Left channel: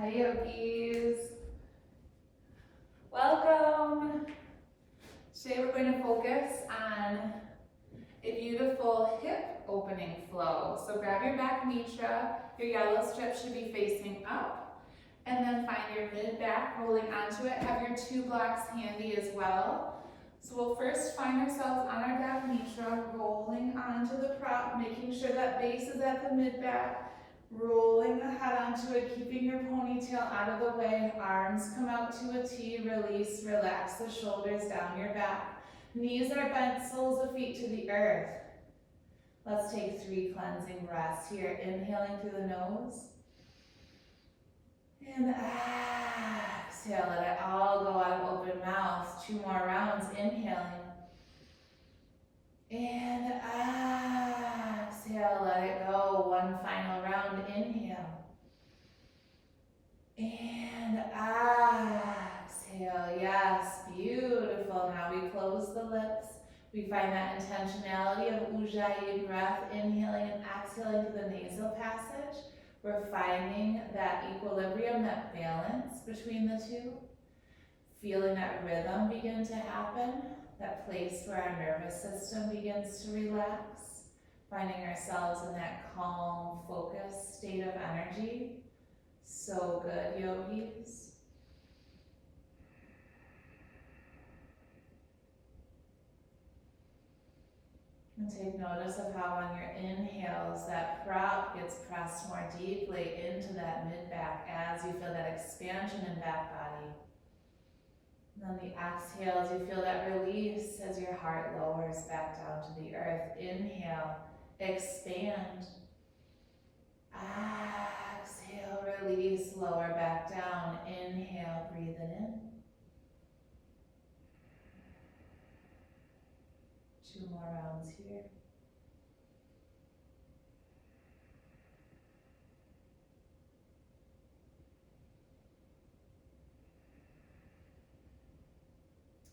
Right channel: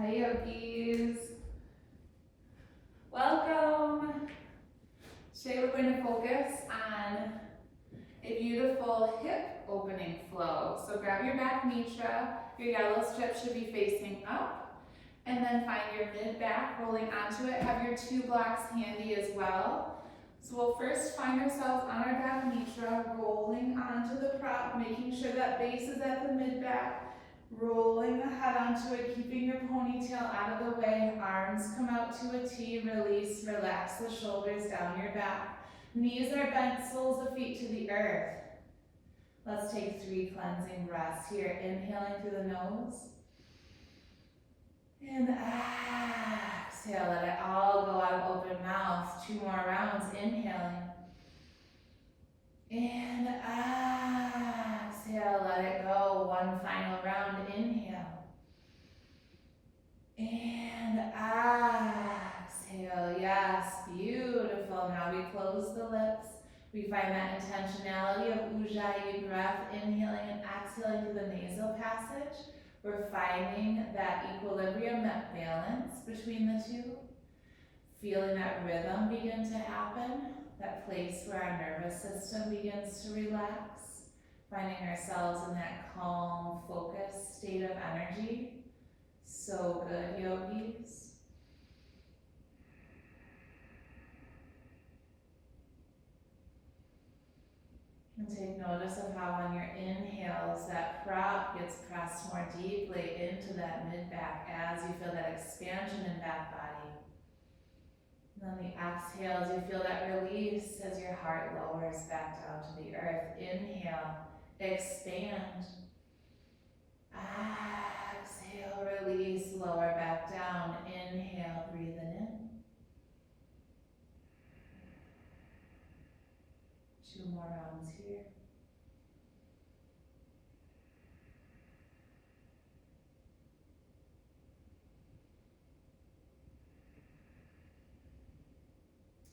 Hi yogis, welcome. Today we're going to focus on a beautiful hip opening flow. So grab your back mitra, your yellow strip should be facing up, and then find your mid back rolling onto it. Have your two blocks handy as well. So we'll first find ourselves on our back mitra, rolling onto the prop, making sure that base is at the mid back. Rolling the head onto it, keeping your ponytail out of the way, arms come out to a T, release, relax the shoulders down your back. Knees are bent, soles of feet to the earth. Let's take 3 cleansing breaths here, inhaling through the nose. And exhale, let it all go out of open mouth. 2 more rounds, inhaling. And exhale, let it go. 1 final round, inhale. And exhale, yes, beautiful. Now we close the lips. We find that intentionality of Ujjayi breath, inhaling and exhaling through the nasal passage. We're finding that equilibrium, that balance between the two. Feeling that rhythm begin to happen. That place where our nervous system begins to relax, finding ourselves in that calm, focused state of energy. So good, yogis. And take notice of how on your inhales, that prop gets pressed more deeply into that mid-back as you feel that expansion in back body. And then the exhales, you feel that release as your heart lowers back down to the earth. Inhale, expand. Exhale, release, lower back down. Inhale, breathe it in. 2 more rounds here.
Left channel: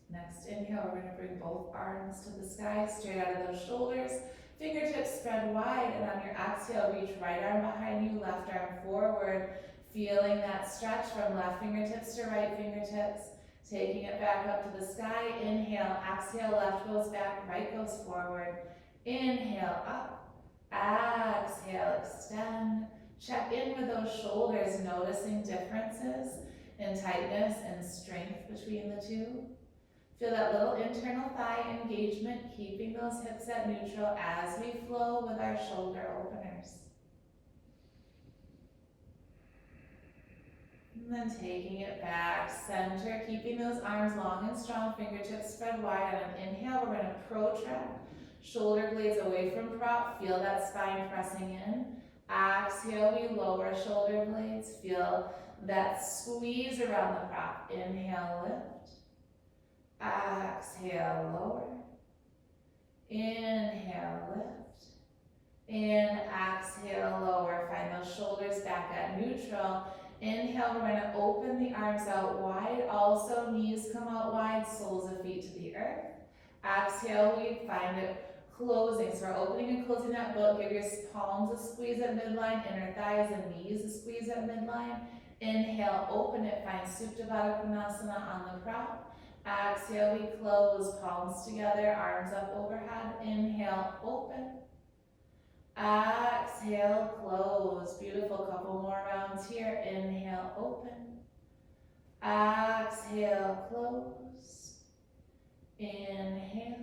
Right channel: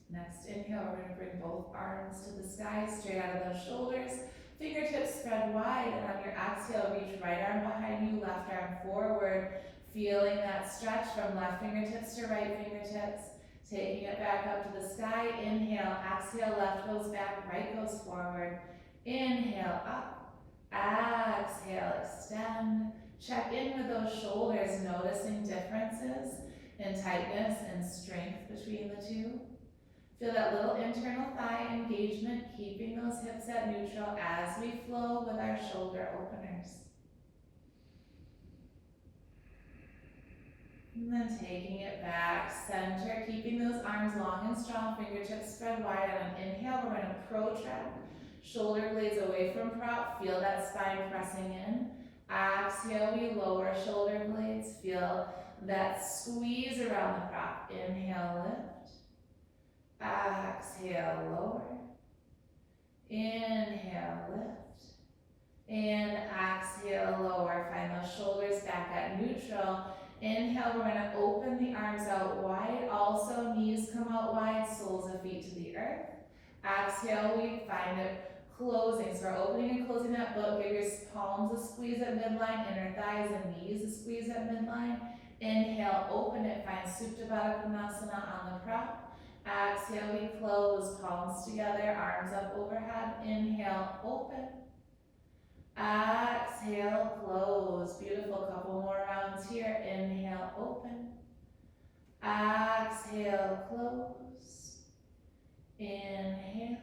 Next inhale, we're going to bring both arms to the sky, straight out of those shoulders. Fingertips spread wide, and on your exhale, reach right arm behind you, left arm forward. Feeling that stretch from left fingertips to right fingertips. Taking it back up to the sky. Inhale, exhale, left goes back, right goes forward. Inhale, up. Exhale, extend. Check in with those shoulders, noticing differences in tightness and strength between the two. Feel that little internal thigh engagement, keeping those hips at neutral as we flow with our shoulder openers. And then taking it back, center, keeping those arms long and strong, fingertips spread wide. On an inhale, we're going to protract, shoulder blades away from prop, feel that spine pressing in. Exhale, we lower shoulder blades, feel that squeeze around the prop. Inhale, lift. Exhale, lower. Inhale, lift. And exhale, lower. Find those shoulders back at neutral. Inhale, we're going to open the arms out wide. Also, knees come out wide, soles of feet to the earth. Exhale, we find it closing. So we're opening and closing that book. Give your palms a squeeze at midline, inner thighs and knees a squeeze at midline. Inhale, open it. Find Supta Baddha Konasana on the prop. Exhale, we close, palms together, arms up overhead. Inhale, open. Exhale, close. Beautiful, couple more rounds here. Inhale, open. Exhale, close. Inhale.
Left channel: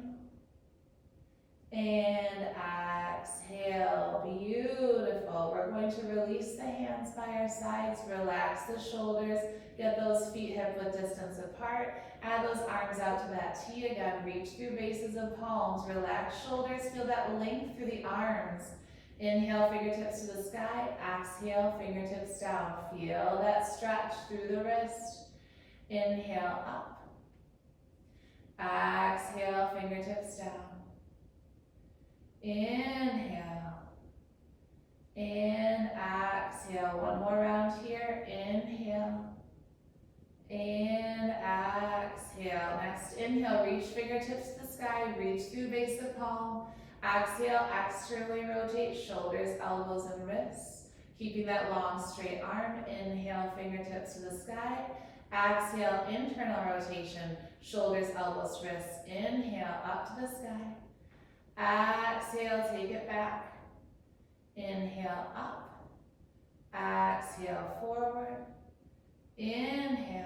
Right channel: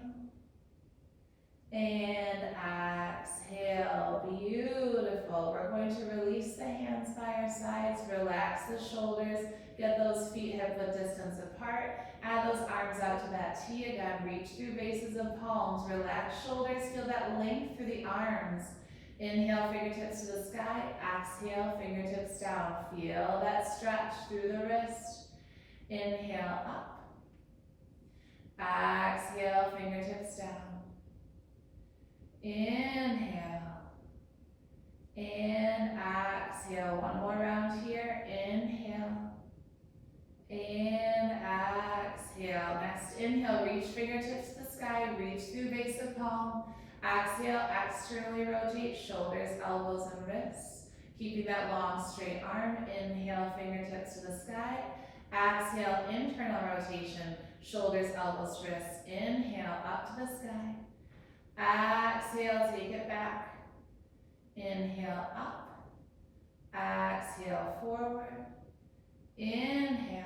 And exhale, beautiful. We're going to release the hands by our sides, relax the shoulders, get those feet hip-width distance apart. Add those arms out to that T again, reach through bases of palms, relax shoulders, feel that length through the arms. Inhale, fingertips to the sky, exhale, fingertips down. Feel that stretch through the wrist. Inhale, up. Exhale, fingertips down. Inhale. And exhale. 1 more round here. Inhale. And exhale. Next inhale, reach fingertips to the sky, reach through base of palm. Exhale, externally rotate shoulders, elbows, and wrists. Keeping that long straight arm, inhale, fingertips to the sky. Exhale, internal rotation, shoulders, elbows, wrists. Inhale, up to the sky. Exhale, take it back. Inhale, up. Exhale, forward. Inhale.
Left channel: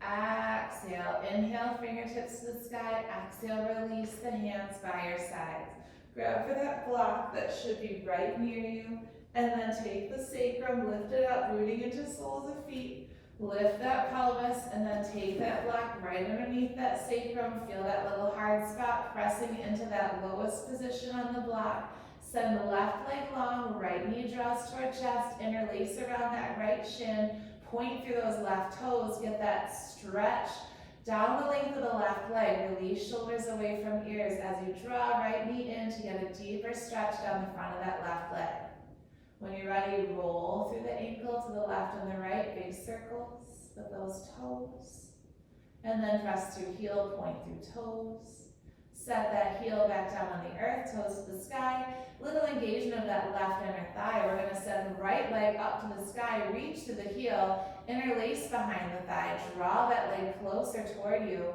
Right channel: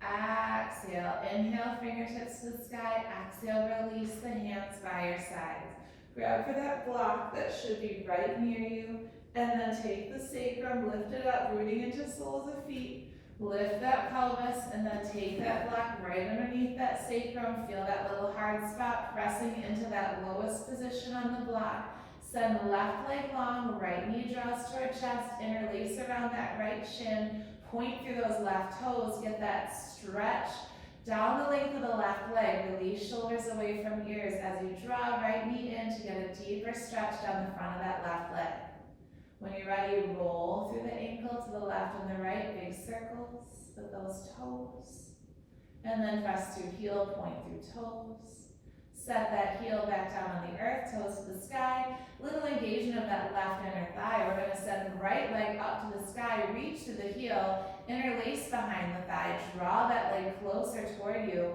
Exhale, inhale, fingertips to the sky. Exhale, release the hands by your sides. Grab for that block that should be right near you, and then take the sacrum, lift it up, rooting into soles of feet. Lift that pelvis, and then take that block right underneath that sacrum. Feel that little hard spot pressing into that lowest position on the block. Send the left leg long, right knee draws toward chest, interlace around that right shin. Point through those left toes, get that stretch down the length of the left leg. Release shoulders away from ears as you draw right knee in to get a deeper stretch down the front of that left leg. When you're ready, roll through the ankle to the left and the right, big circles with those toes. And then press through heel, point through toes. Set that heel back down on the earth, toes to the sky. Little engagement of that left inner thigh. We're going to send right leg up to the sky, reach to the heel, interlace behind the thigh, draw that leg closer toward you.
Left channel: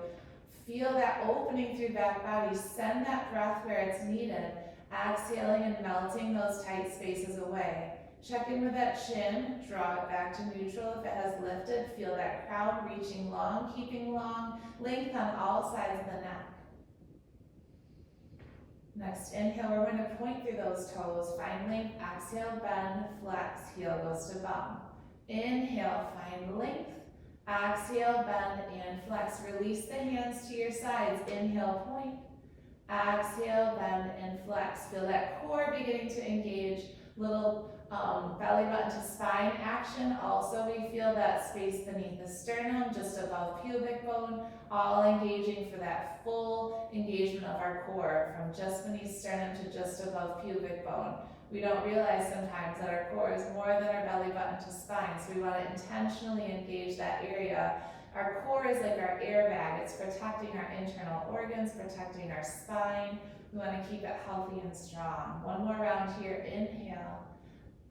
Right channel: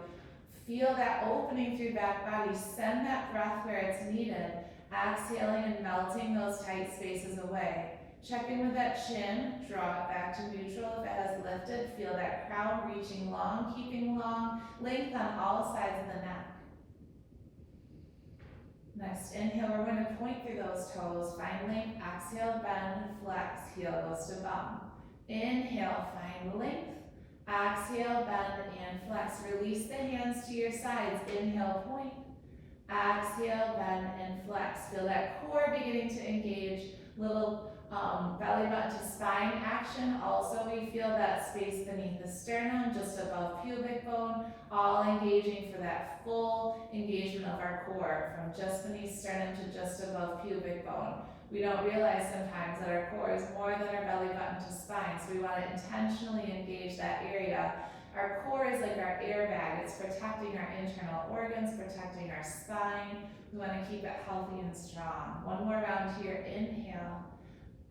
Feel that opening through back body. Send that breath where it's needed. Exhaling and melting those tight spaces away. Check in with that chin, draw it back to neutral if it has lifted. Feel that crown reaching long, keeping long, length on all sides of the neck. Next, inhale, we're going to point through those toes, find length. Exhale, bend, flex, heel goes to bum. Inhale, find length. Exhale, bend and flex. Release the hands to your sides. Inhale, point. Exhale, bend and flex. Feel that core beginning to engage. Little belly button to spine action. Also, we feel that space beneath the sternum, just above pubic bone, all engaging for that full engagement of our core from just beneath sternum to just above pubic bone. We don't realize sometimes that our core is more than our belly button to spine, so we want to intentionally engage that area. Our core is like our airbag. It's protecting our internal organs, protecting our spine. We want to keep it healthy and strong. One more round here. Inhale.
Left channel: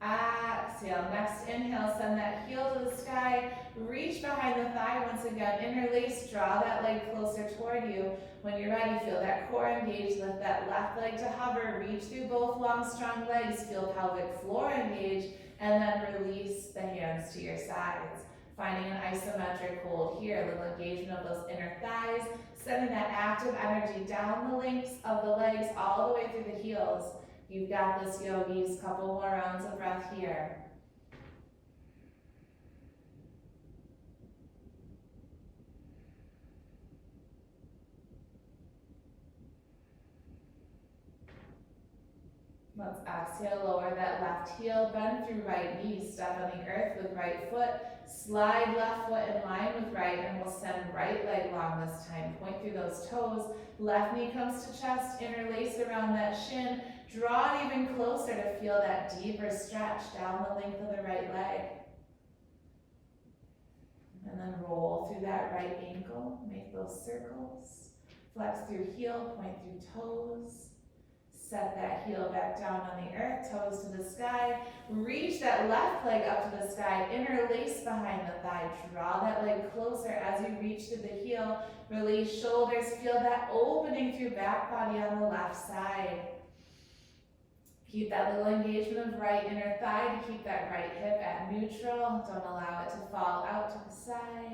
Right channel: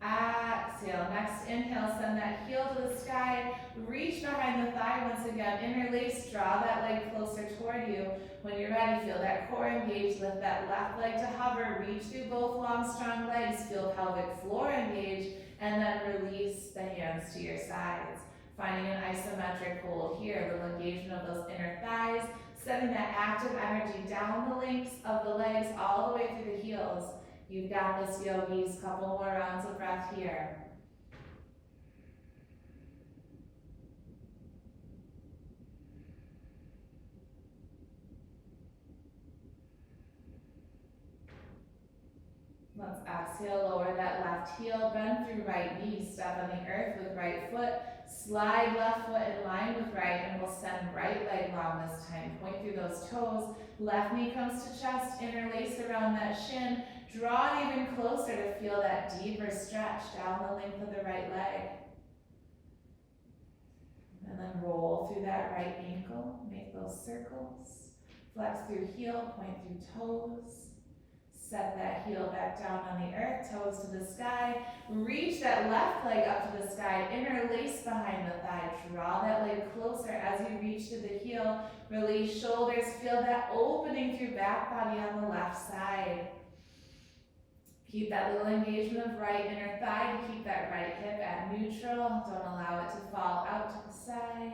Exhale. Next inhale, send that heel to the sky. Reach behind the thigh once again. Interlace, draw that leg closer toward you. When you're ready, feel that core engage. Lift that left leg to hover. Reach through both long, strong legs. Feel pelvic floor engage. And then release the hands to your sides. Finding an isometric hold here. A little engagement of those inner thighs. Sending that active energy down the lengths of the legs all the way through the heels. You've got this, yogis. Couple more rounds of breath here. Let's exhale, lower that left heel, bend through right knee, step on the earth with right foot, slide left foot in line with right, and we'll send right leg long this time. Point through those toes, left knee comes to chest, interlace around that shin, draw it even closer to feel that deeper stretch down the length of the right leg. And then roll through that right ankle, make those circles, flex through heel, point through toes. Set that heel back down on the earth, toes to the sky. Reach that left leg up to the sky, interlace behind the thigh. Draw that leg closer as you reach to the heel. Release shoulders, feel that opening through back body on the left side. Keep that little engagement of right inner thigh to keep that right hip at neutral. Don't allow it to fall out to the side.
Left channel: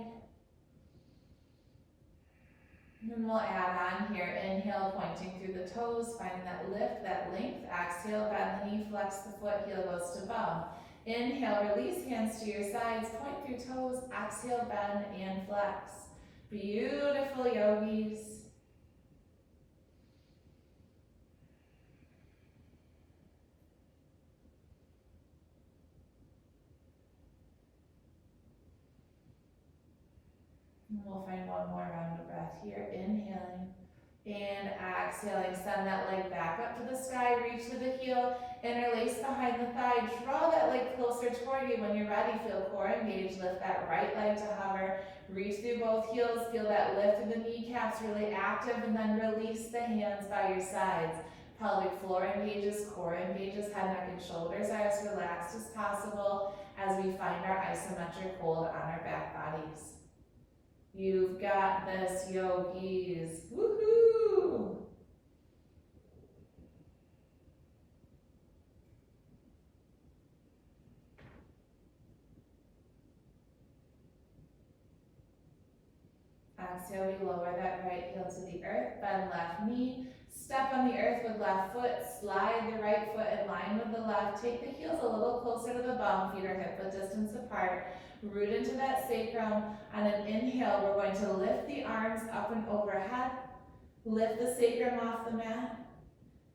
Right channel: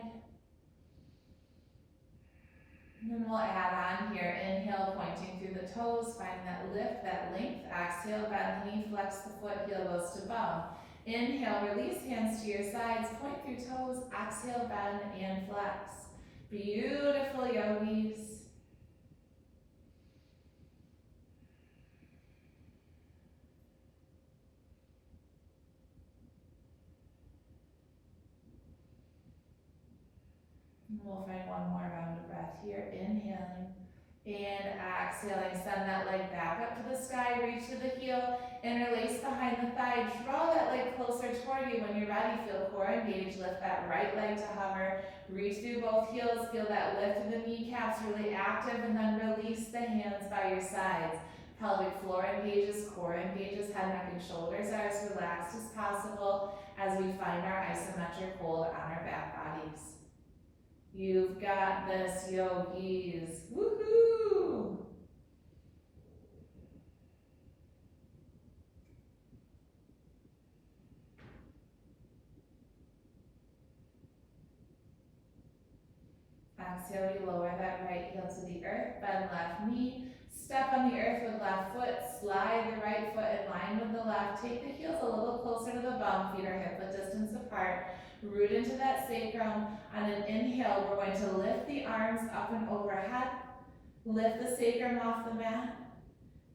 And then we'll add on here, inhale, pointing through the toes, finding that lift, that length. Exhale, bend the knee, flex the foot, heel goes to bum. Inhale, release hands to your sides, point through toes, exhale, bend and flex. Beautiful, yogis. And we'll find one more round of breath here. Inhaling and exhaling. Send that leg back up to the sky. Reach to the heel. Interlace behind the thigh. Draw that leg closer toward you. When you're ready, feel core engage. Lift that right leg to hover. Reach through both heels. Feel that lift of the kneecaps really active. And then release the hands by your sides. Pelvic floor engages, core engages, head, neck, and shoulders are as relaxed as possible as we find our isometric hold on our back bodies. You've got this, yogis. Woohoo! Exhale, we lower that right heel to the earth, bend left knee, step on the earth with left foot, slide the right foot in line with the left, take the heels a little closer to the bum, feet are hip-width distance apart, root into that sacrum. On an inhale, we're going to lift the arms up and overhead, lift the sacrum off the mat.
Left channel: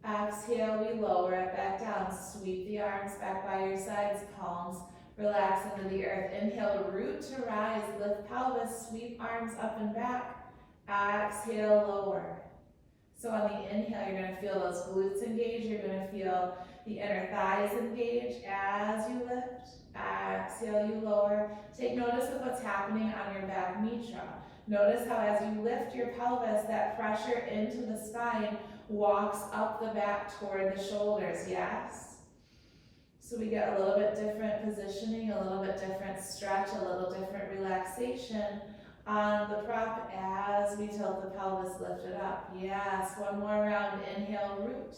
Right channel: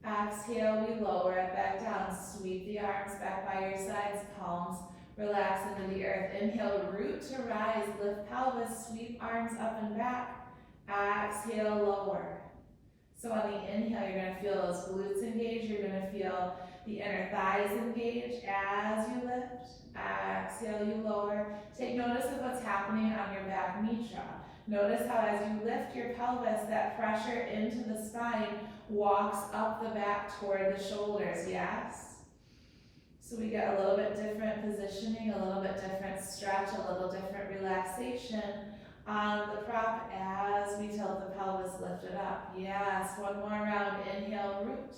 Exhale, we lower it back down, sweep the arms back by your sides, palms relax into the earth. Inhale, root to rise, lift pelvis, sweep arms up and back. Exhale, lower. So on the inhale, you're going to feel those glutes engage. You're going to feel the inner thighs engage as you lift. Exhale, you lower. Take notice of what's happening on your back mitra. Notice how as you lift your pelvis, that pressure into the spine walks up the back toward the shoulders, yes? So we get a little bit different positioning, a little bit different stretch, a little different relaxation on the prop as we tilt the pelvis, lift it up. Yes, one more round. Inhale, root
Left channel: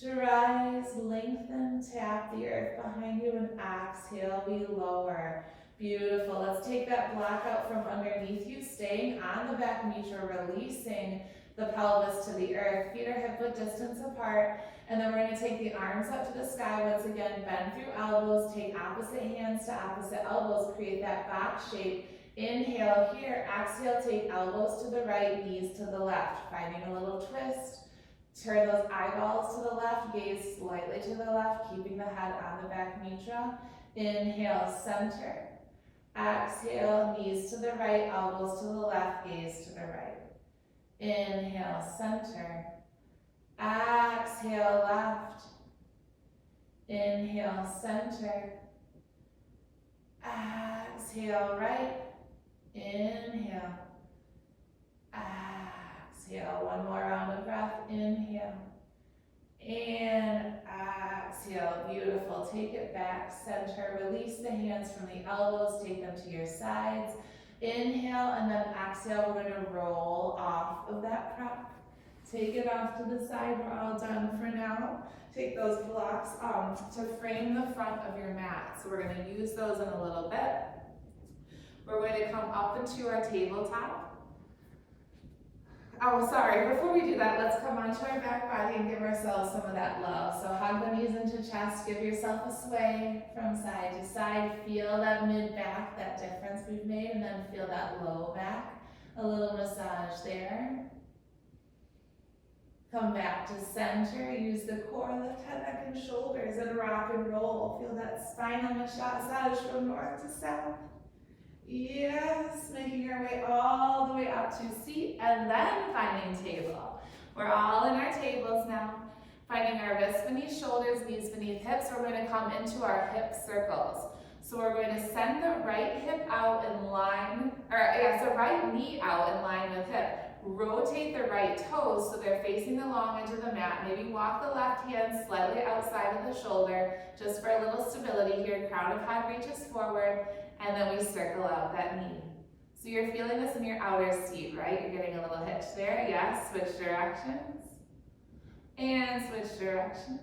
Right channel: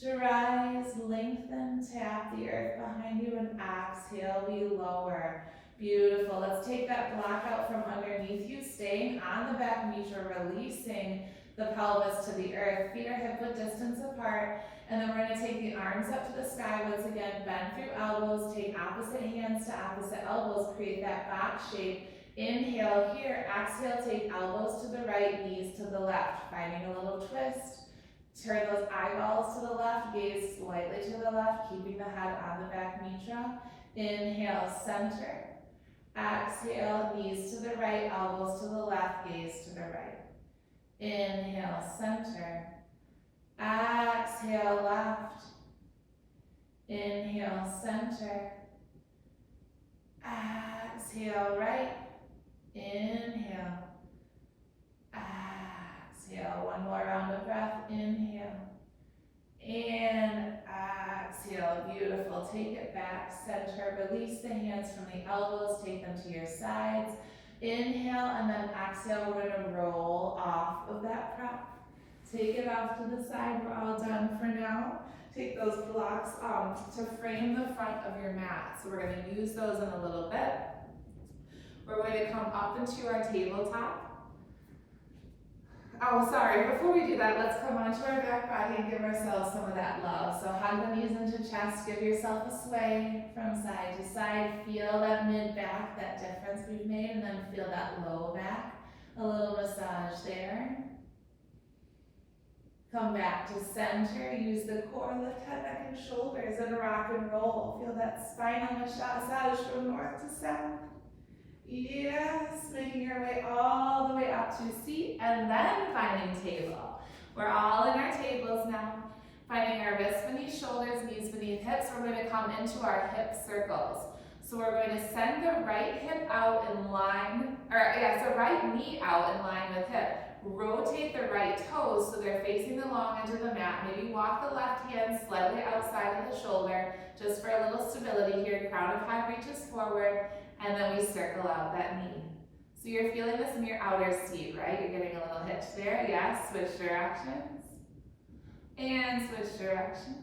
to rise, lengthen, tap the earth behind you, and exhale, we lower. Beautiful. Let's take that block out from underneath you, staying on the back mitra, releasing the pelvis to the earth. Feet are hip-width distance apart. And then we're going to take the arms up to the sky once again, bend through elbows, take opposite hands to opposite elbows, create that box shape. Inhale here, exhale, take elbows to the right, knees to the left, finding a little twist. Turn those eyeballs to the left, gaze slightly to the left, keeping the head on the back mitra. Inhale, center. Exhale, knees to the right, elbows to the left, gaze to the right. Inhale, center. Exhale, left. Inhale, center. Exhale, right. Inhale. Exhale. One more round of breath. Inhale. And exhale. Beautiful. Take it back, center. Release the hands from the elbows. Take them to your sides. Inhale, and then exhale. We're going to roll off of that prop. Take it off to the side. We're all done for now. Take those blocks to frame the front of your mat. So we're going to use those in a little bit. We're going to come up into our tabletop. Oh, sorry, before we do that, let's come onto our back body and give ourselves some of that love. So hug the knees into chest, give yourself a sway from side to side. Feel that mid-back, that difference we've made, and then feel that low back. A little massage there. Come back to center, use the core, lift head, neck, and shoulders, and rock and roll. Feel that spinal massage from north to south. Yes, making your way all the way up to seat, and then finding table. We're all in our tables now. Finding our wrists beneath shoulders, knees beneath hips. We're going to come into our hip circles. So we're going to send the right hip out in line, so right knee out in line with hip. Rotate the right toes so they're facing the long edge of the mat. Maybe walk the left hand slightly outside of the shoulder, just for a little stability here. Crown of head reaches forward, and then we circle out that knee. So you're feeling this in your outer seat, right? You're getting a little hitch there. Yes, switch directions. And switch directions.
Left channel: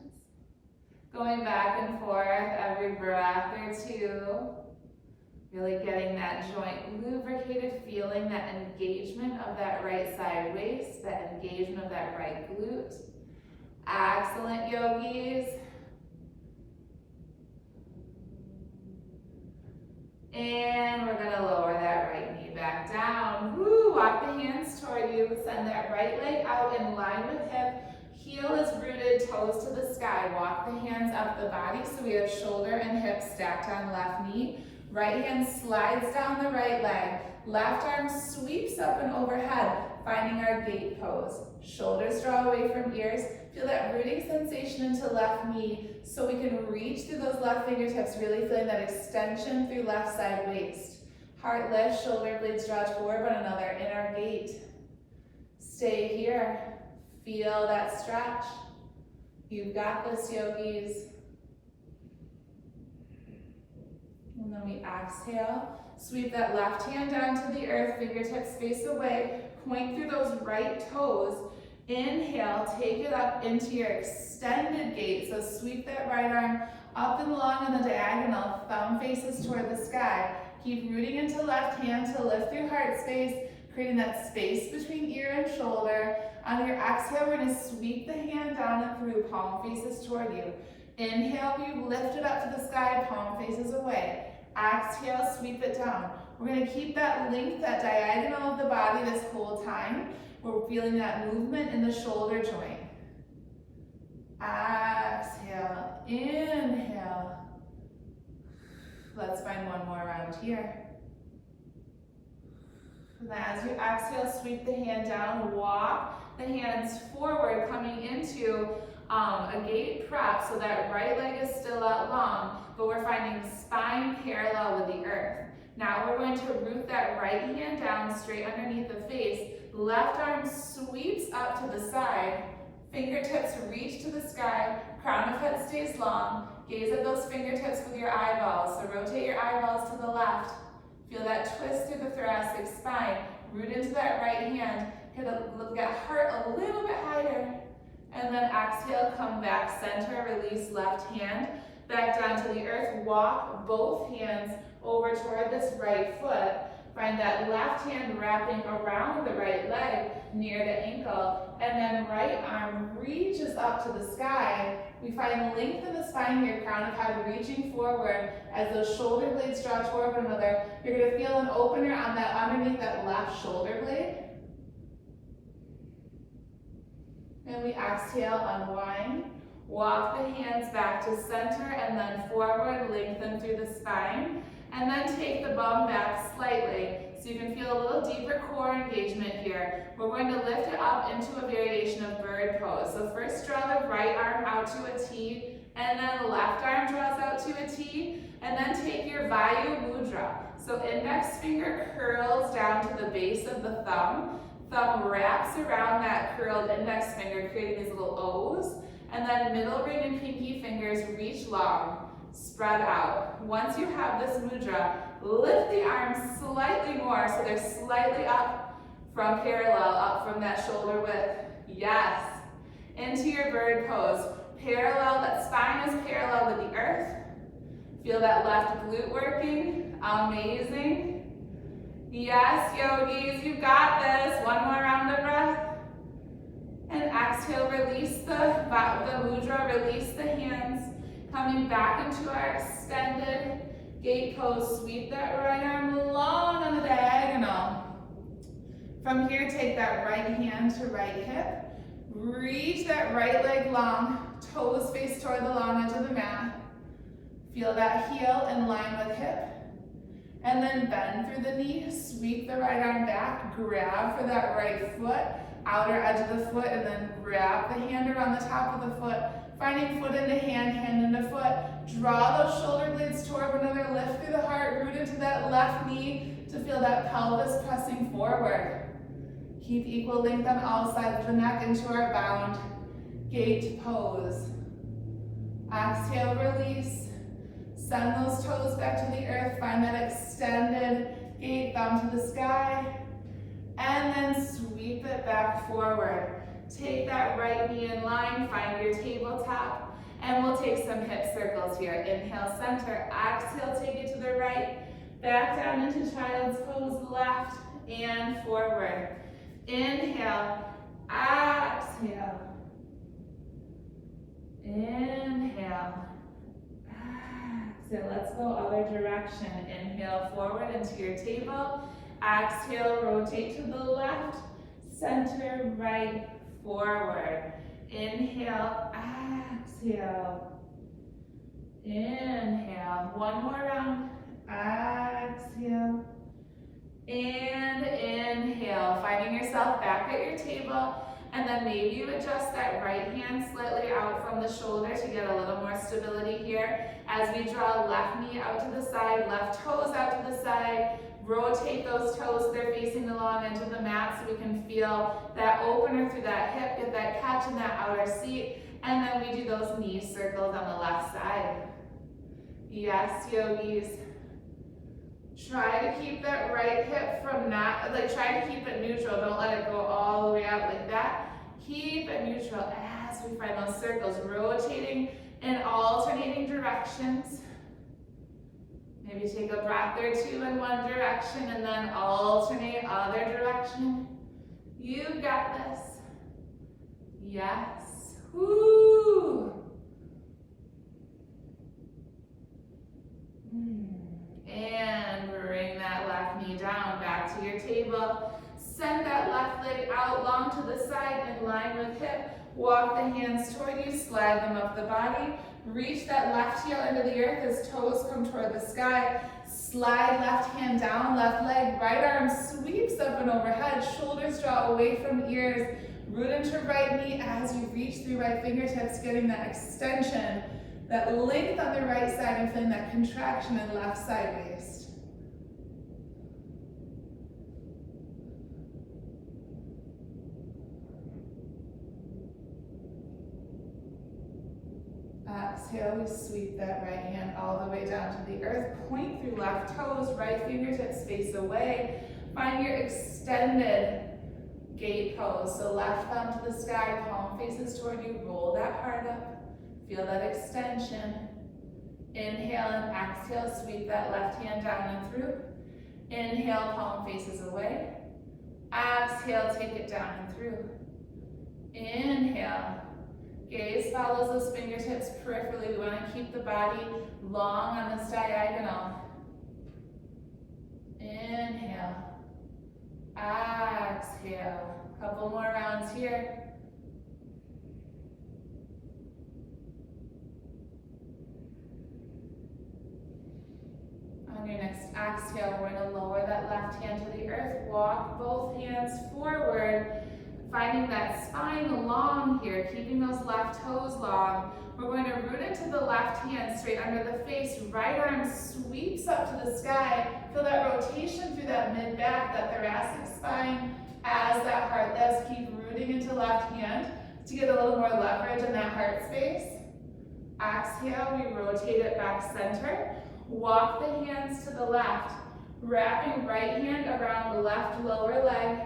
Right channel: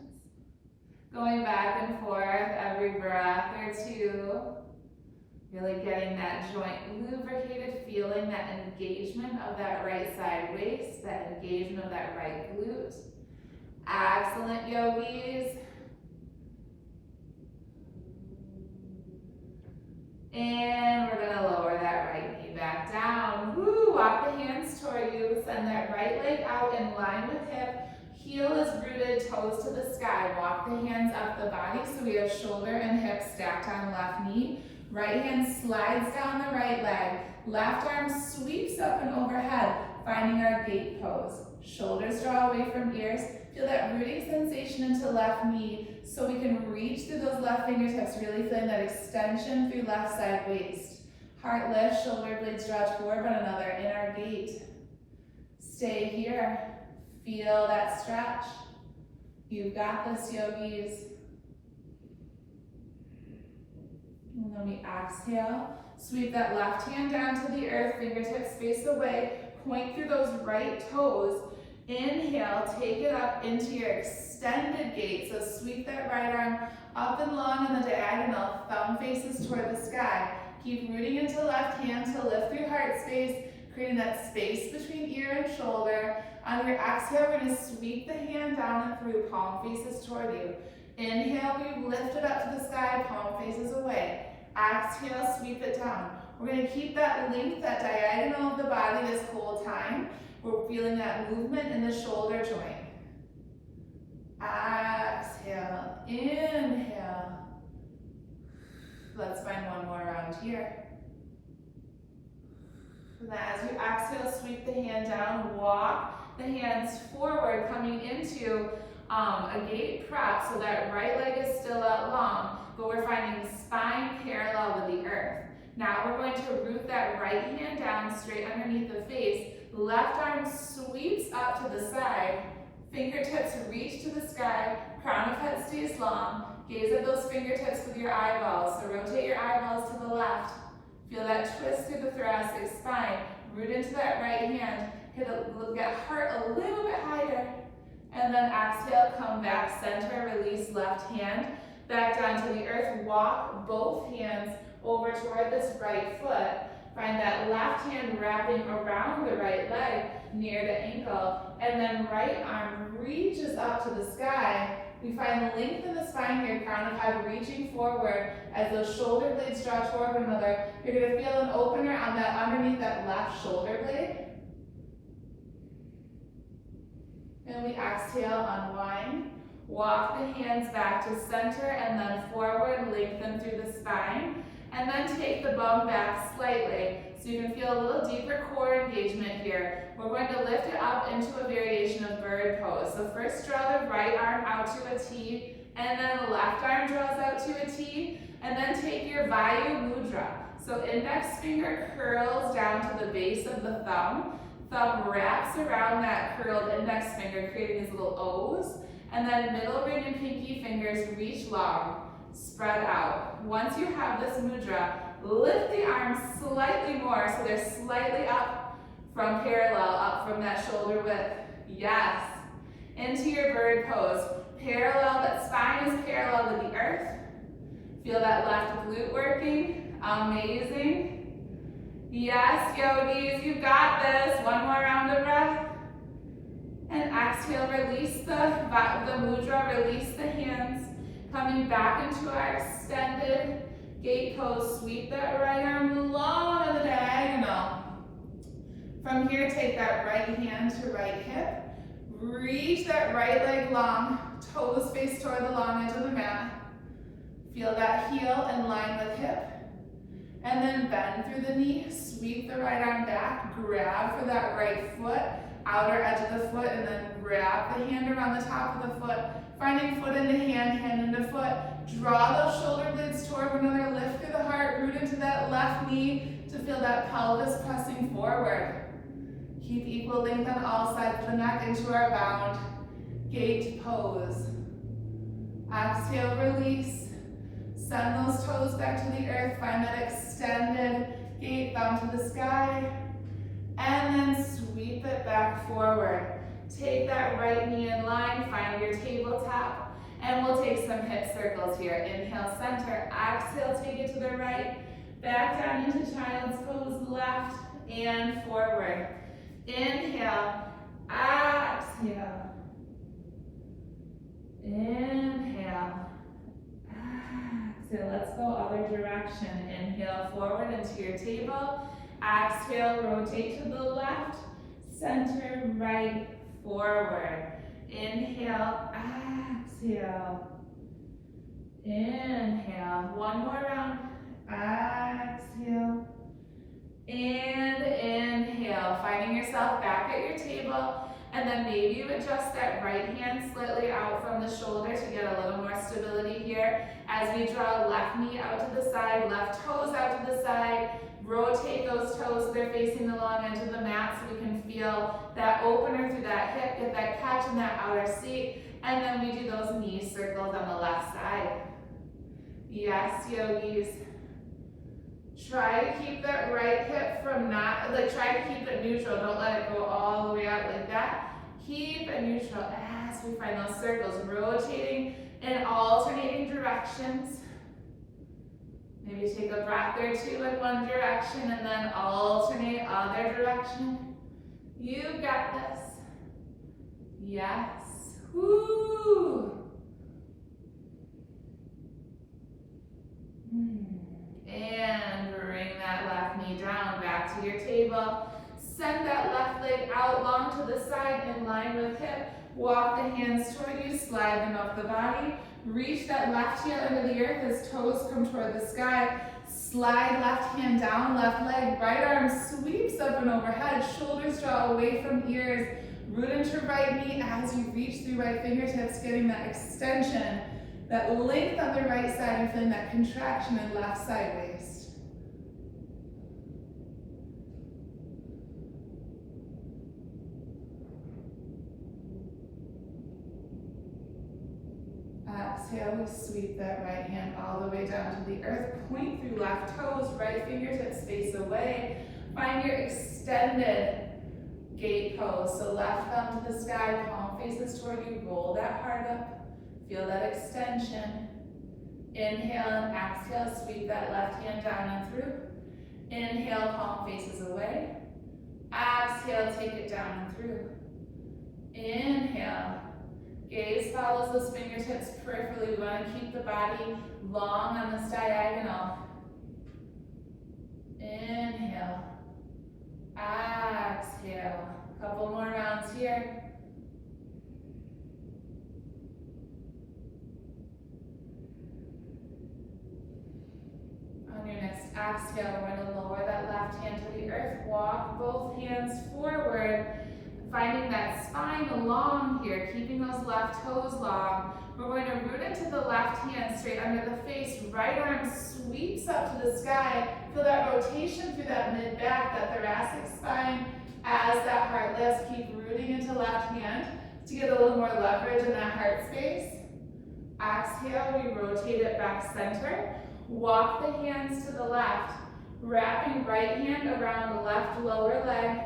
Going back and forth every breath or two. Really getting that joint lubricated, feeling that engagement of that right side waist, that engagement of that right glute. Excellent, yogis. And we're gonna lower that right knee back down. Woo, walk the hands toward you. Send that right leg out in line with hip. Heel is rooted, toes to the sky. Walk the hands up the body so we have shoulder and hip stacked on left knee. Right hand slides down the right leg. Left arm sweeps up and overhead, finding our gate pose. Shoulders draw away from ears. Feel that rooting sensation into left knee so we can reach through those left fingertips, really feeling that extension through left side waist. Heart lifts, shoulder blades draw toward one another in our gate. Stay here. Feel that stretch. You've got this, yogis. And then we exhale. Sweep that left hand down to the earth, fingertips face away. Point through those right toes. Inhale, take it up into your extended gate. So sweep that right arm up and long in the diagonal. Thumb faces toward the sky. Keep rooting into left hand to lift through heart space, creating that space between ear and shoulder. On your exhale, we're going to sweep the hand down and through, palm faces toward you. Inhale, we lift it up to the sky, palm faces away. Exhale, sweep it down. We're going to keep that length, that diagonal of the body this whole time. We're feeling that movement in the shoulder joint. Exhale, inhale. Let's find one more round here. And as you exhale, sweep the hand down, walk the hands forward, coming into a gate prep, so that right leg is still out long, but we're finding spine parallel with the earth. Now we're going to root that right hand down straight underneath the face. Left arm sweeps up to the side. Fingertips reach to the sky. Crown of head stays long. Gaze at those fingertips with your eyeballs. So rotate your eyeballs to the left. Feel that twist through the thoracic spine. Root into that right hand. Get heart a little bit higher. And then exhale, come back center, release left hand. Back down to the earth. Walk both hands over toward this right foot. Find that left hand wrapping around the right leg near the ankle. And then right arm reaches up to the sky. We find length in the spine here, crown of head reaching forward as those shoulder blades draw toward one another. You're going to feel an opener on that underneath that left shoulder blade. And we exhale, unwind. Walk the hands back to center and then forward, lengthen through the spine. And then take the bum back slightly so you can feel a little deeper core engagement here. We're going to lift it up into a variation of bird pose. So first draw the right arm out to a T, and then the left arm draws out to a T, and then take your Vayu Mudra. So index finger curls down to the base of the thumb. Thumb wraps around that curled index finger, creating these little O's, and then middle ring and pinky fingers reach long. Spread out. Once you have this mudra, lift the arms slightly more so they're slightly up from parallel, up from that shoulder width. Yes. Into your bird pose. Parallel, that spine is parallel with the earth. Feel that left glute working. Amazing. Yes, yogis, you got this. One more round of breath. And exhale, release the mudra, release the hands. Coming back into our extended gate pose, sweep that right arm long on the diagonal. From here, take that right hand to right hip. Reach that right leg long, toes face toward the long edge of the mat. Feel that heel in line with hip. And then bend through the knee, sweep the right arm back, grab for that right foot, outer edge of the foot, and then grab the hand around the top of the foot. Finding foot into hand, hand into foot. Draw those shoulder blades toward one another, lift through the heart, root into that left knee to feel that pelvis pressing forward. Keep equal length on all sides of the neck into our bound gate pose. Exhale, release. Send those toes back to the earth. Find that extended gate, thumb to the sky. And then sweep it back forward. Take that right knee in line, find your tabletop, and we'll take some hip circles here. Inhale, center, exhale, take it to the right, back down into child's pose, left and forward. Inhale, exhale, inhale, exhale. Let's go other direction. Inhale, forward into your table. Exhale, rotate to the left, center, right, forward. Inhale, exhale. Inhale. One more round. Exhale. And inhale. Finding yourself back at your table. And then maybe you adjust that right hand slightly out from the shoulder to get a little more stability here. As we draw left knee out to the side, left toes out to the side. Rotate those toes so they're facing the long edge of the mat so we can feel that opener through that hip, get that catch in that outer seat. And then we do those knee circles on the left side. Yes, yogis. Try to keep that right hip from not, like try to keep it neutral. Don't let it go all the way out like that. Keep it neutral as we find those circles, rotating in alternating directions. Maybe take a breath or two in one direction and then alternate other direction. You got this. Yes. Woo. And bring that left knee down, back to your table. Send that left leg out long to the side in line with hip. Walk the hands toward you, slide them up the body. Reach that left heel into the earth as toes come toward the sky. Slide left hand down, left leg, right arm sweeps up and overhead. Shoulders draw away from ears. Root into right knee as you reach through right fingertips, getting that extension, that length on the right side and feeling that contraction in left side waist. Exhale, we sweep that right hand all the way down to the earth. Point through left toes, right fingertips face away. Find your extended gate pose. So left thumb to the sky, palm faces toward you. Roll that heart up. Feel that extension. Inhale and exhale, sweep that left hand down and through. Inhale, palm faces away. Exhale, take it down and through. Inhale. Gaze follows those fingertips peripherally. We want to keep the body long on this diagonal. Inhale. Exhale. Couple more rounds here. On your next exhale, we're going to lower that left hand to the earth. Walk both hands forward. Finding that spine long here, keeping those left toes long. We're going to root into the left hand straight under the face. Right arm sweeps up to the sky. Feel that rotation through that mid-back, that thoracic spine. As that heart lifts, keep rooting into left hand to get a little more leverage in that heart space. Exhale, we rotate it back center. Walk the hands to the left. Wrapping right hand around the left lower leg.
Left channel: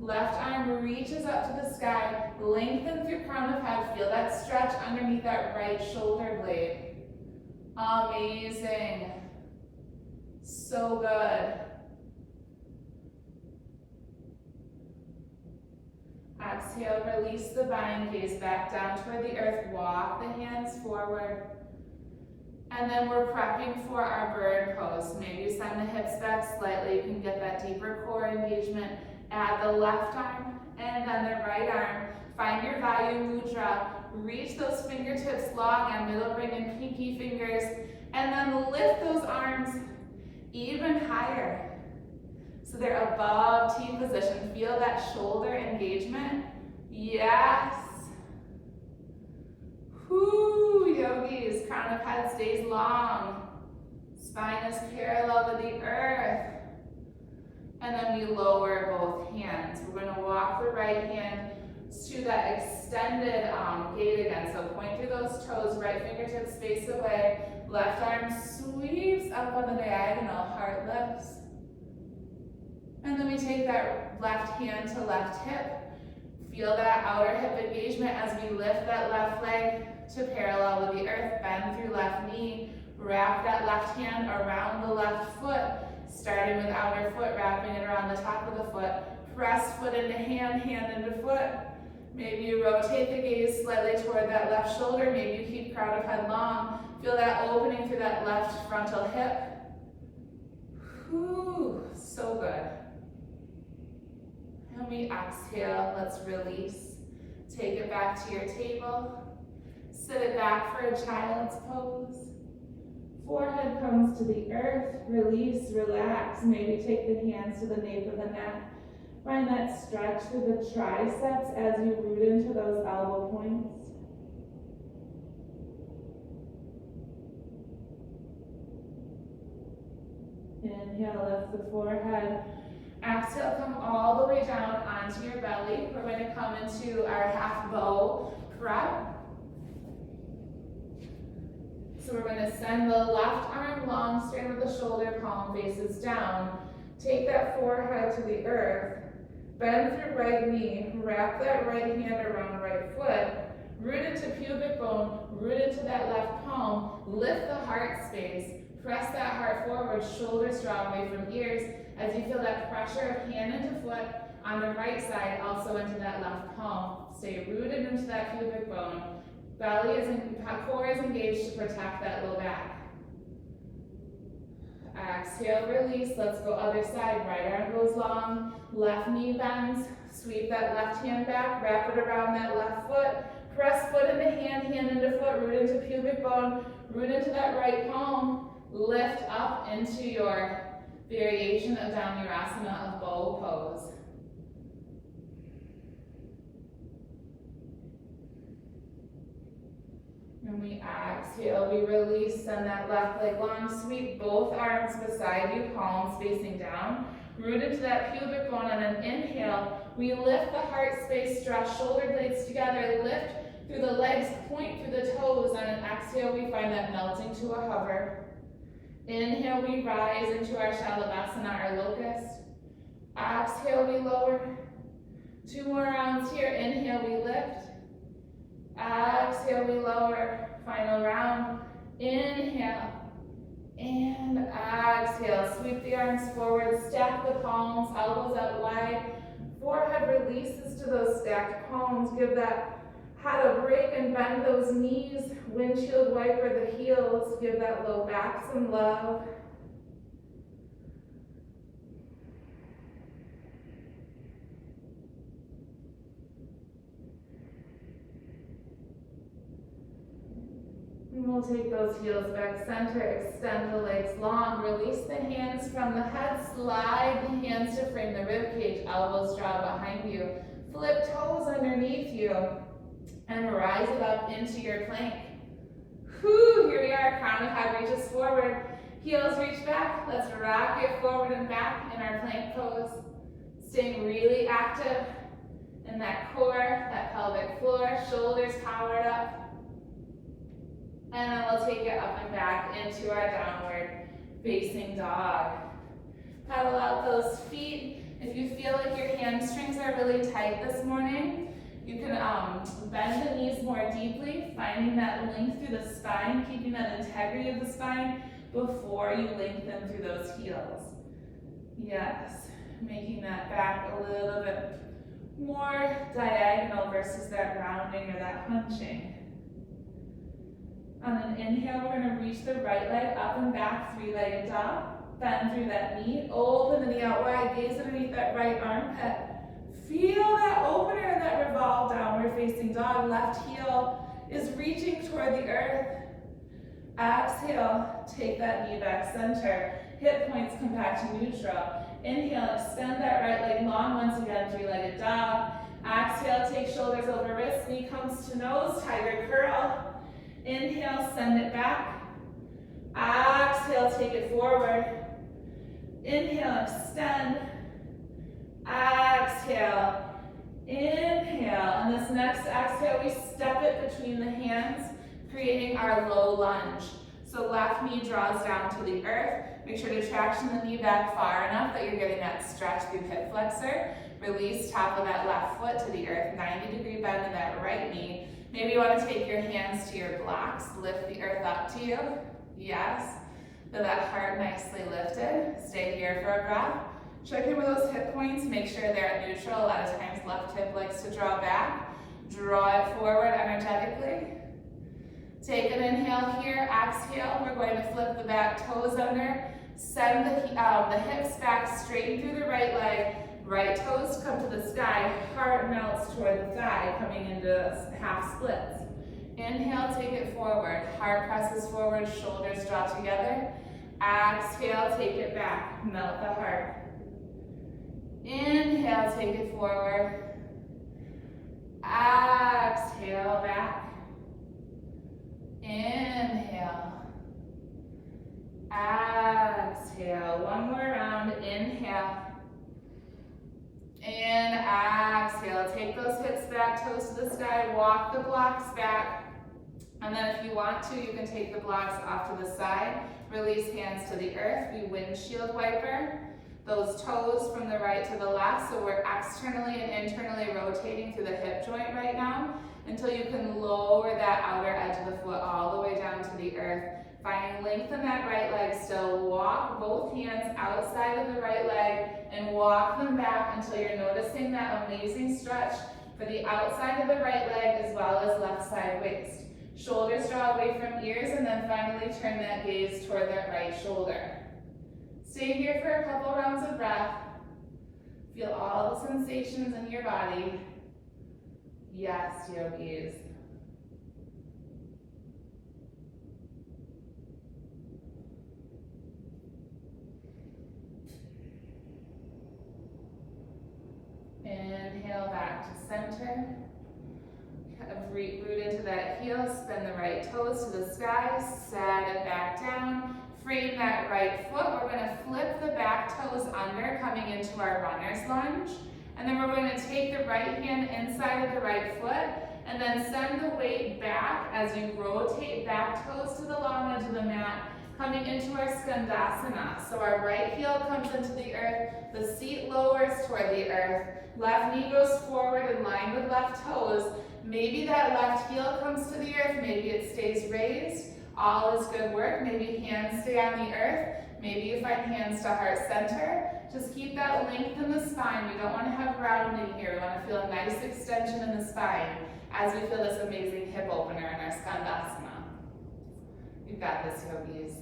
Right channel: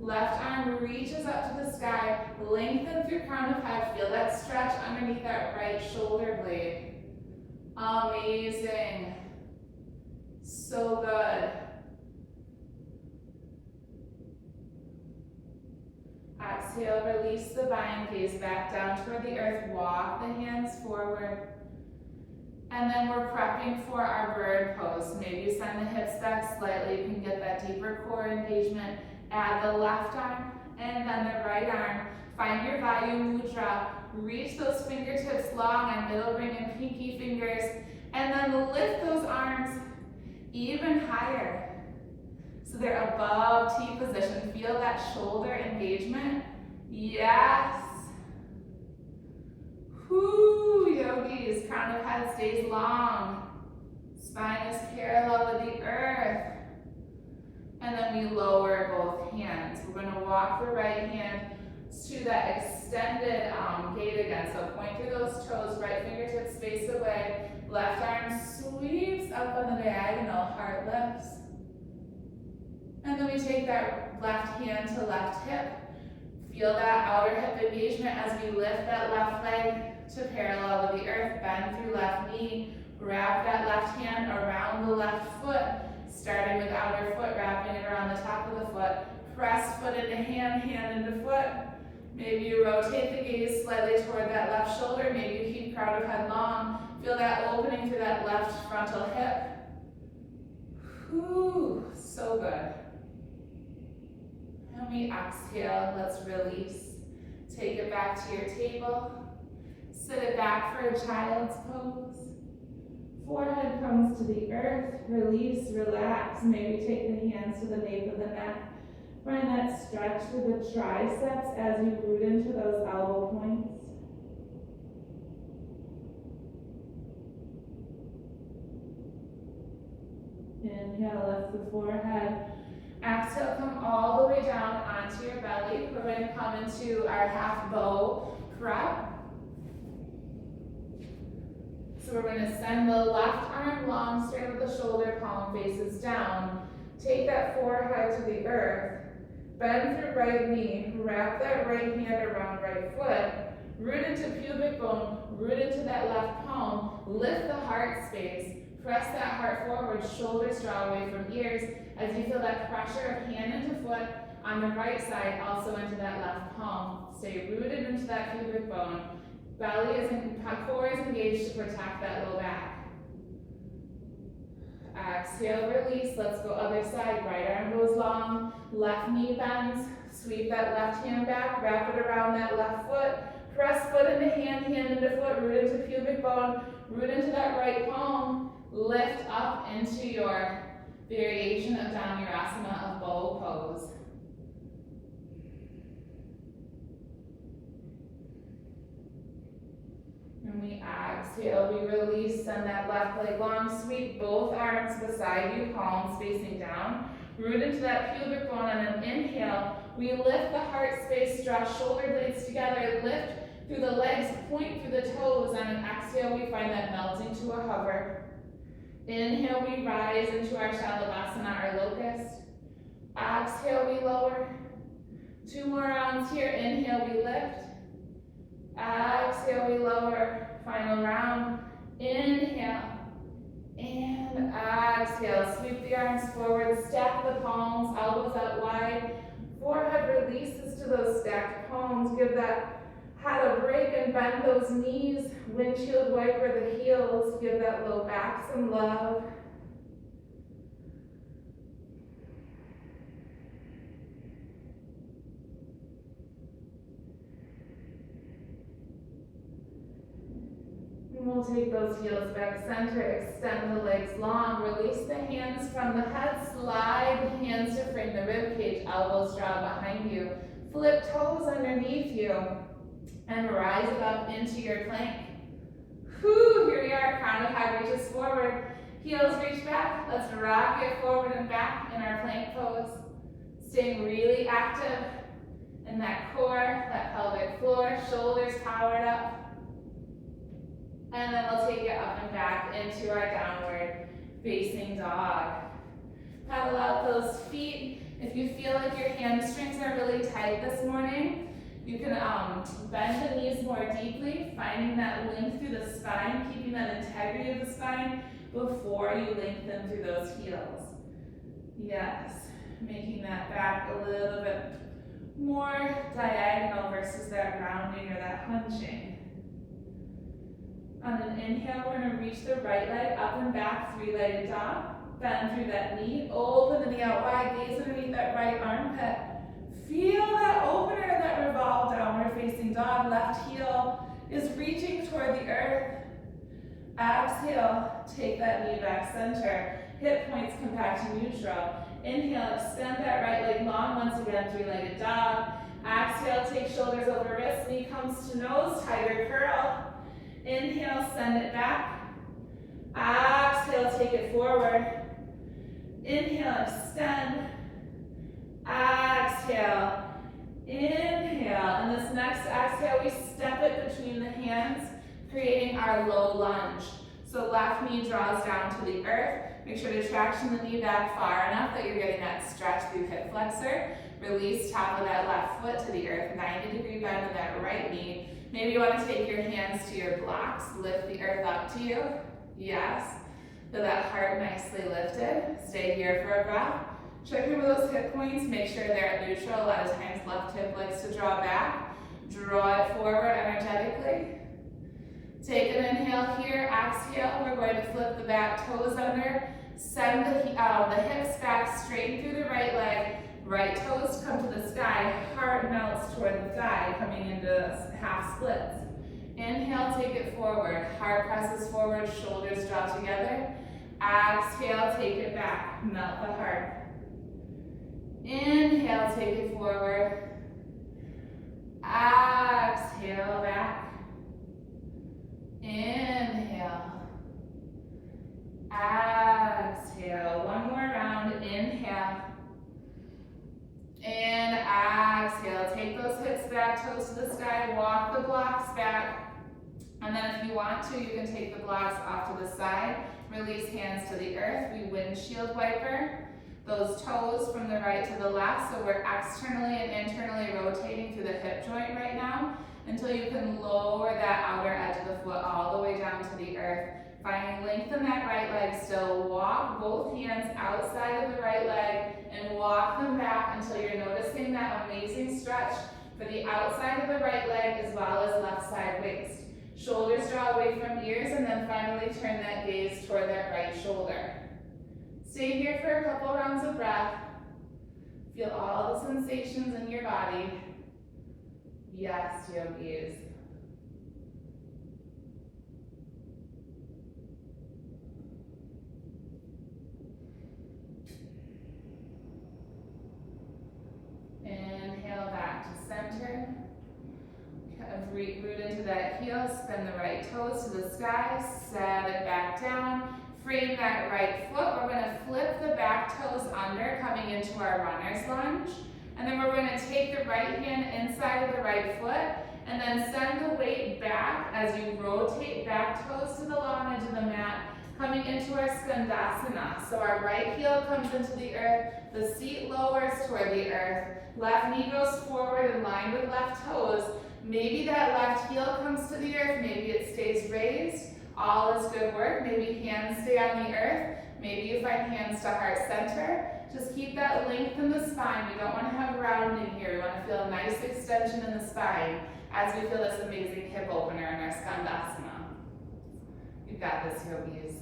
Left arm reaches up to the sky, lengthen through crown of head. Feel that stretch underneath that right shoulder blade. Amazing. So good. Exhale, release the bind, gaze back down toward the earth. Walk the hands forward. And then we're prepping for our bird pose. Maybe send the hips back slightly. You can get that deeper core engagement. Add the left arm and then the right arm. Find your Vayu Mudra. Reach those fingertips long on middle ring and pinky fingers. And then lift those arms even higher. So they're above T position. Feel that shoulder engagement. Yes. Whoo, yogis. Crown of head stays long. Spine is parallel with the earth. And then we lower both hands. We're going to walk the right hand to that extended gate again. So point through those toes, right fingertips face away. Left arm sweeps up on the diagonal, heart lifts. And then we take that left hand to left hip. Feel that outer hip engagement as we lift that left leg to parallel with the earth. Bend through left knee. Wrap that left hand around the left foot. Starting with outer foot, wrapping it around the top of the foot. Press foot into hand, hand into foot. Maybe you rotate the gaze slightly toward that left shoulder. Maybe you keep crown of head long. Feel that opening through that left frontal hip. Whew, so good. And we exhale, let's release. Take it back to your table. Sit it back for a child's pose. Forehead comes to the earth, release, relax. Maybe take the hands to the nape of the neck. Find that stretch through the triceps as you root into those elbow points. Inhale, lift the forehead. Exhale, come all the way down onto your belly. We're going to come into our half bow prep. So we're going to send the left arm long, straight with the shoulder, palm faces down. Take that forehead to the earth. Bend through right knee. Wrap that right hand around right foot. Root into pubic bone. Root into that left palm. Lift the heart space. Press that heart forward. Shoulders draw away from ears as you feel that pressure of hand into foot on the right side, also into that left palm. Stay rooted into that pubic bone. Belly is core is engaged to protect that low back. Exhale, release. Let's go other side. Right arm goes long. Left knee bends. Sweep that left hand back. Wrap it around that left foot. Press foot into hand, hand into foot. Root into pubic bone. Root into that right palm. Lift up into your variation of Dhanurasana of bow pose. And we exhale, we release, send that left leg long, sweep both arms beside you, palms facing down. Root into that pubic bone on an inhale. We lift the heart space, draw shoulder blades together, lift through the legs, point through the toes. On an exhale, we find that melting to a hover. Inhale, we rise into our Shalabhasana, our locust. Exhale, we lower. 2 more rounds here. Inhale, we lift. Exhale, we lower. Final round. Inhale. And exhale. Sweep the arms forward. Stack the palms, elbows out wide. Forehead releases to those stacked palms. Give that head a break and bend those knees. Windshield wiper the heels. Give that low back some love. And we'll take those heels back center, extend the legs long, release the hands from the head, slide the hands to frame the rib cage, elbows draw behind you, flip toes underneath you, and rise it up into your plank. Whew, here we are, crown of head reaches forward, heels reach back, let's rock it forward and back in our plank pose, staying really active in that core, that pelvic floor, shoulders powered up. And then we'll take it up and back into our downward facing dog. Paddle out those feet. If you feel like your hamstrings are really tight this morning, you can bend the knees more deeply, finding that length through the spine, keeping that integrity of the spine before you lengthen through those heels. Yes, making that back a little bit more diagonal versus that rounding or that hunching. On an inhale, we're going to reach the right leg up and back, 3-legged dog. Bend through that knee, open the knee out wide, gaze underneath that right armpit. Feel that opener in that revolve downward facing dog. Left heel is reaching toward the earth. Exhale, take that knee back center. Hip points come back to neutral. Inhale, extend that right leg long once again, 3-legged dog. Exhale, take shoulders over wrists, knee comes to nose, tiger curl. Inhale, send it back. Exhale, take it forward. Inhale, extend. Exhale, inhale. And this next exhale, we step it between the hands, creating our low lunge. So left knee draws down to the earth. Make sure to traction the knee back far enough that you're getting that stretch through hip flexor. Release top of that left foot to the earth, 90-degree bend in that right knee. Maybe you want to take your hands to your blocks, lift the earth up to you. Yes. Feel that heart nicely lifted. Stay here for a breath. Check in with those hip points. Make sure they're at neutral. A lot of times left hip likes to draw back. Draw it forward energetically. Take an inhale here. Exhale. We're going to flip the back toes under. Send the hips back, straighten through the right leg. Right toes come to the sky, heart melts toward the thigh, coming into half splits. Inhale, take it forward. Heart presses forward, shoulders draw together. Exhale, take it back, melt the heart. Inhale, take it forward. Exhale, back. Inhale. Exhale. One more round. Inhale. And exhale, take those hips back, toes to the sky, walk the blocks back. And then if you want to, you can take the blocks off to the side, release hands to the earth, we windshield wiper those toes from the right to the left, so we're externally and internally rotating through the hip joint right now until you can lower that outer edge of the foot all the way down to the earth. Finding length in that right leg still. Walk both hands outside of the right leg and walk them back until you're noticing that amazing stretch for the outside of the right leg as well as left side waist. Shoulders draw away from ears, and then finally turn that gaze toward that right shoulder. Stay here for a couple rounds of breath. Feel all the sensations in your body. Yes, yogis. Inhale back to center. Root into that heel, spin the right toes to the sky, set it back down. Frame that right foot. We're going to flip the back toes under, coming into our runner's lunge. And then we're going to take the right hand inside of the right foot and then send the weight back as you rotate back toes to the long edge of the mat, coming into our Skandasana. So our right heel comes into the earth, the seat lowers toward the earth, left knee goes forward in line with left toes. Maybe that left heel comes to the earth, maybe it stays raised. All is good work. Maybe hands stay on the earth. Maybe you find hands to heart center. Just keep that length in the spine. We don't want to have rounding here. We want to feel a nice extension in the spine as we feel this amazing hip opener in our Skandasana. You've got this, yogis.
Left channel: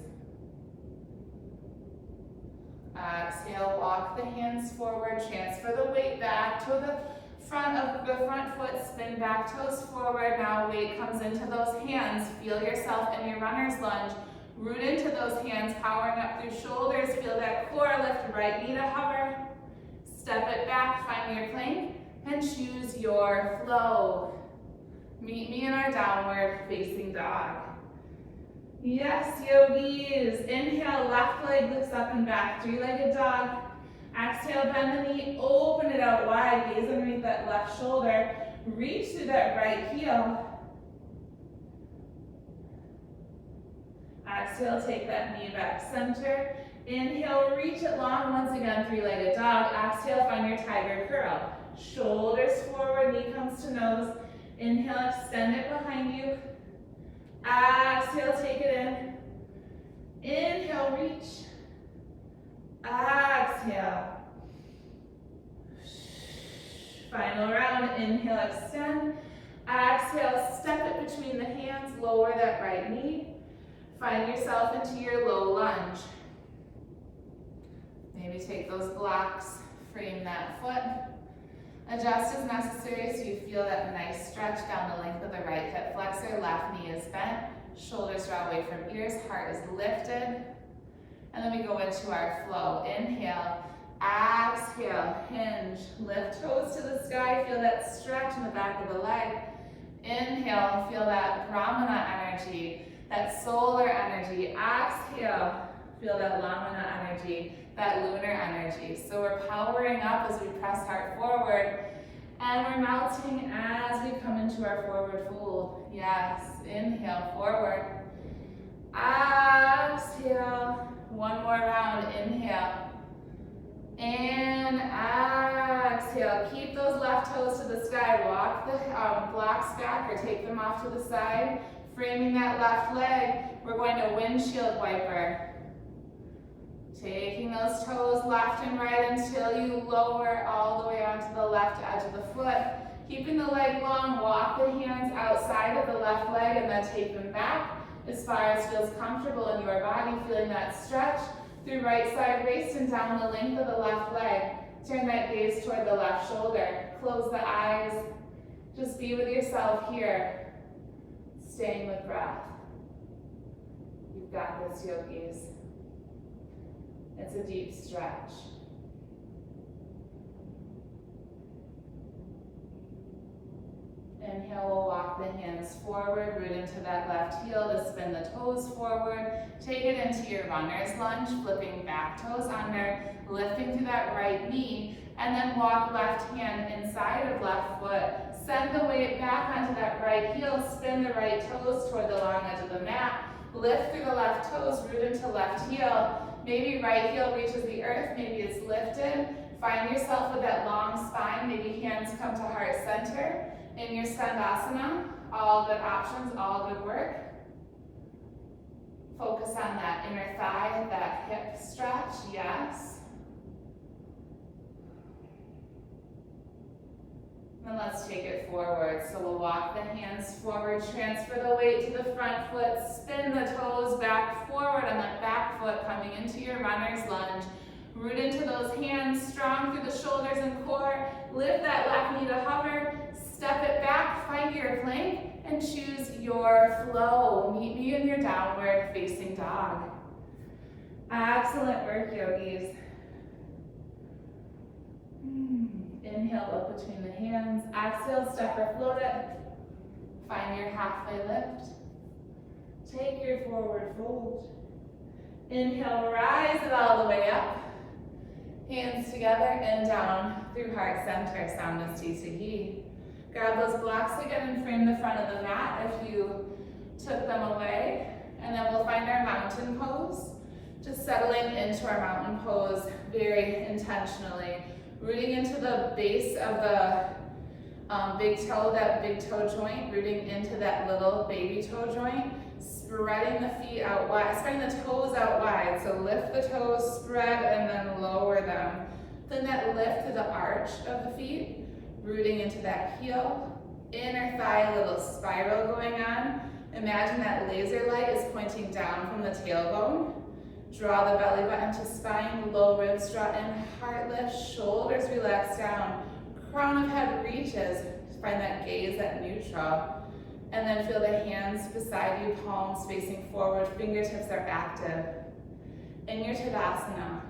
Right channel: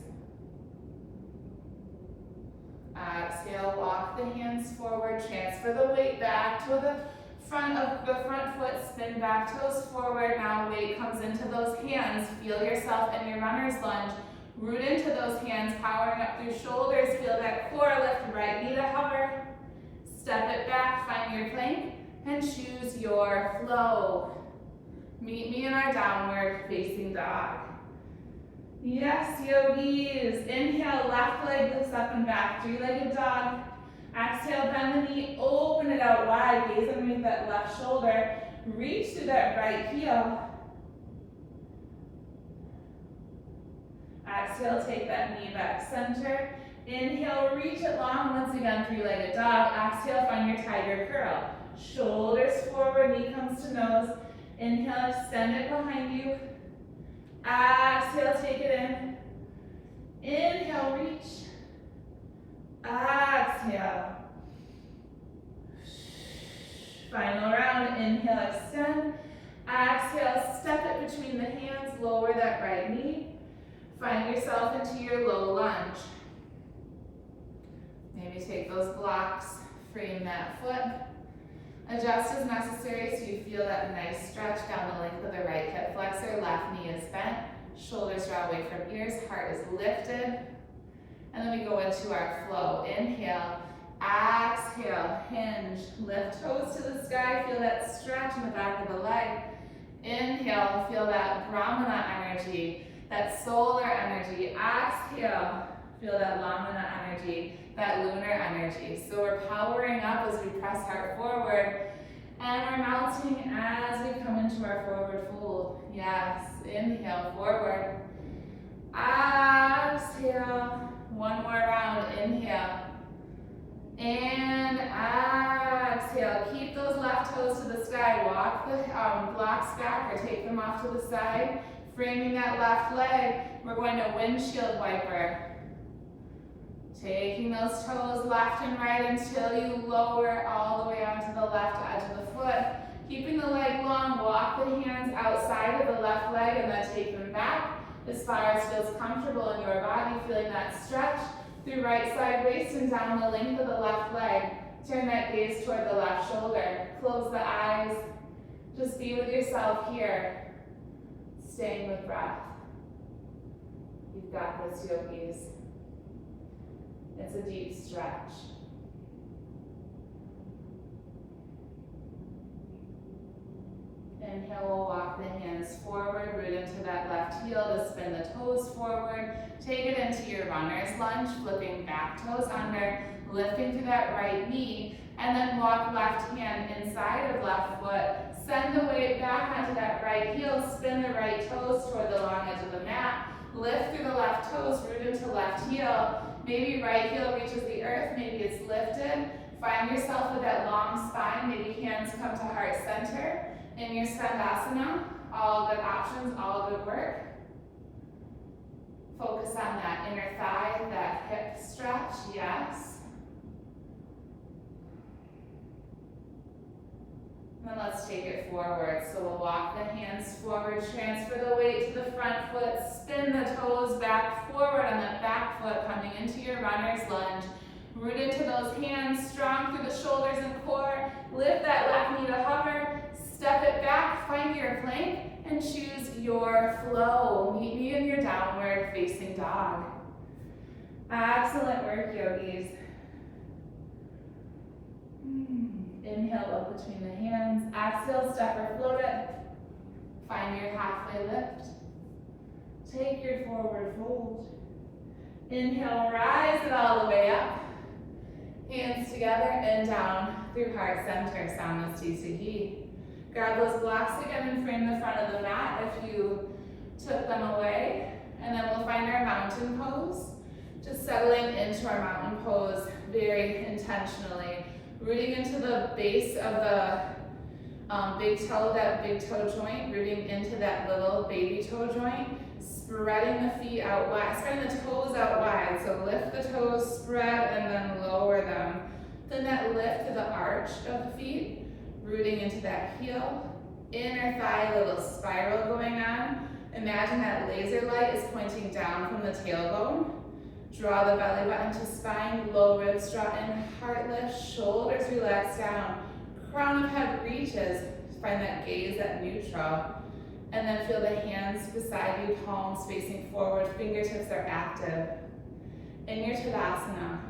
Exhale, walk the hands forward, transfer the weight back to the front of the front foot, spin back toes forward. Now weight comes into those hands. Feel yourself in your runner's lunge. Root into those hands, powering up through shoulders. Feel that core lift, right knee to hover. Step it back, find your plank, and choose your flow. Meet me in our downward facing dog. Yes, yogis. Inhale, left leg lifts up and back, three-legged dog. Exhale, bend the knee, open it out wide, gaze underneath that left shoulder. Reach through that right heel. Exhale, take that knee back center. Inhale, reach it long. Once again, three-legged dog. Exhale, find your tiger curl. Shoulders forward, knee comes to nose. Inhale, extend it behind you. Exhale, take it in. Inhale, reach. Exhale. Final round. Inhale, extend. Exhale, step it between the hands. Lower that right knee. Find yourself into your low lunge. Maybe take those blocks, frame that foot. Adjust as necessary so you feel that nice stretch down the length of the right hip flexor. Left knee is bent. Shoulders draw away from ears. Heart is lifted. And then we go into our flow. Inhale, exhale, hinge. Lift toes to the sky. Feel that stretch in the back of the leg. Inhale, feel that Brahmana energy, that solar energy. Exhale, feel that Lamana energy, that lunar energy. So we're powering up as we press heart forward, and we're melting as we come into our forward fold. Yes, inhale, forward. Exhale, one more round, inhale. And exhale, keep those left toes to the sky. Walk the blocks back or take them off to the side. Framing that left leg, we're going to windshield wiper. Taking those toes left and right until you lower all the way onto the left edge of the foot. Keeping the leg long, walk the hands outside of the left leg and then take them back as far as feels comfortable in your body, feeling that stretch through right side waist and down the length of the left leg. Turn that gaze toward the left shoulder. Close the eyes. Just be with yourself here. Staying with breath. You've got this, yogis. It's a deep stretch. Inhale, we'll walk the hands forward, root into that left heel to spin the toes forward. Take it into your runner's lunge, flipping back toes under, lifting through that right knee, and then walk left hand inside of left foot, Send the weight back onto that right heel, spin the right toes toward the long edge of the mat, lift through the left toes, root into left heel. Maybe right heel reaches the earth, maybe it's lifted. Find yourself with that long spine, maybe hands come to heart center. In your Skandasana, all good options, all good work. Focus on that inner thigh, that hip stretch, yes. And let's take it forward. So we'll walk the hands forward, transfer the weight to the front foot, spin the toes back forward on that back foot coming into your runner's lunge. Root into those hands, strong through the shoulders and core. Lift that left knee to hover, step it back, find your plank, and choose your flow. Meet me in your downward facing dog. Excellent work, yogis. Inhale up between the hands. Exhale, step or float it. Find your halfway lift. Take your forward fold. Inhale, rise it all the way up. Hands together and down through heart center, Samasthisiki. Grab those blocks again and frame the front of the mat if you took them away. And then we'll find our mountain pose. Just settling into our mountain pose very intentionally. Rooting into the base of the big toe, that big toe joint, rooting into that little baby toe joint. Spreading the feet out wide, spreading the toes out wide. So lift the toes, spread, and then lower them. Then that lift to the arch of the feet, rooting into that heel. Inner thigh, a little spiral going on. Imagine that laser light is pointing down from the tailbone. Draw the belly button to spine, low ribs draw in, heart lift, shoulders relax down. Crown of head reaches, find that gaze at neutral. And then feel the hands beside you, palms facing forward, fingertips are active. In your Tadasana,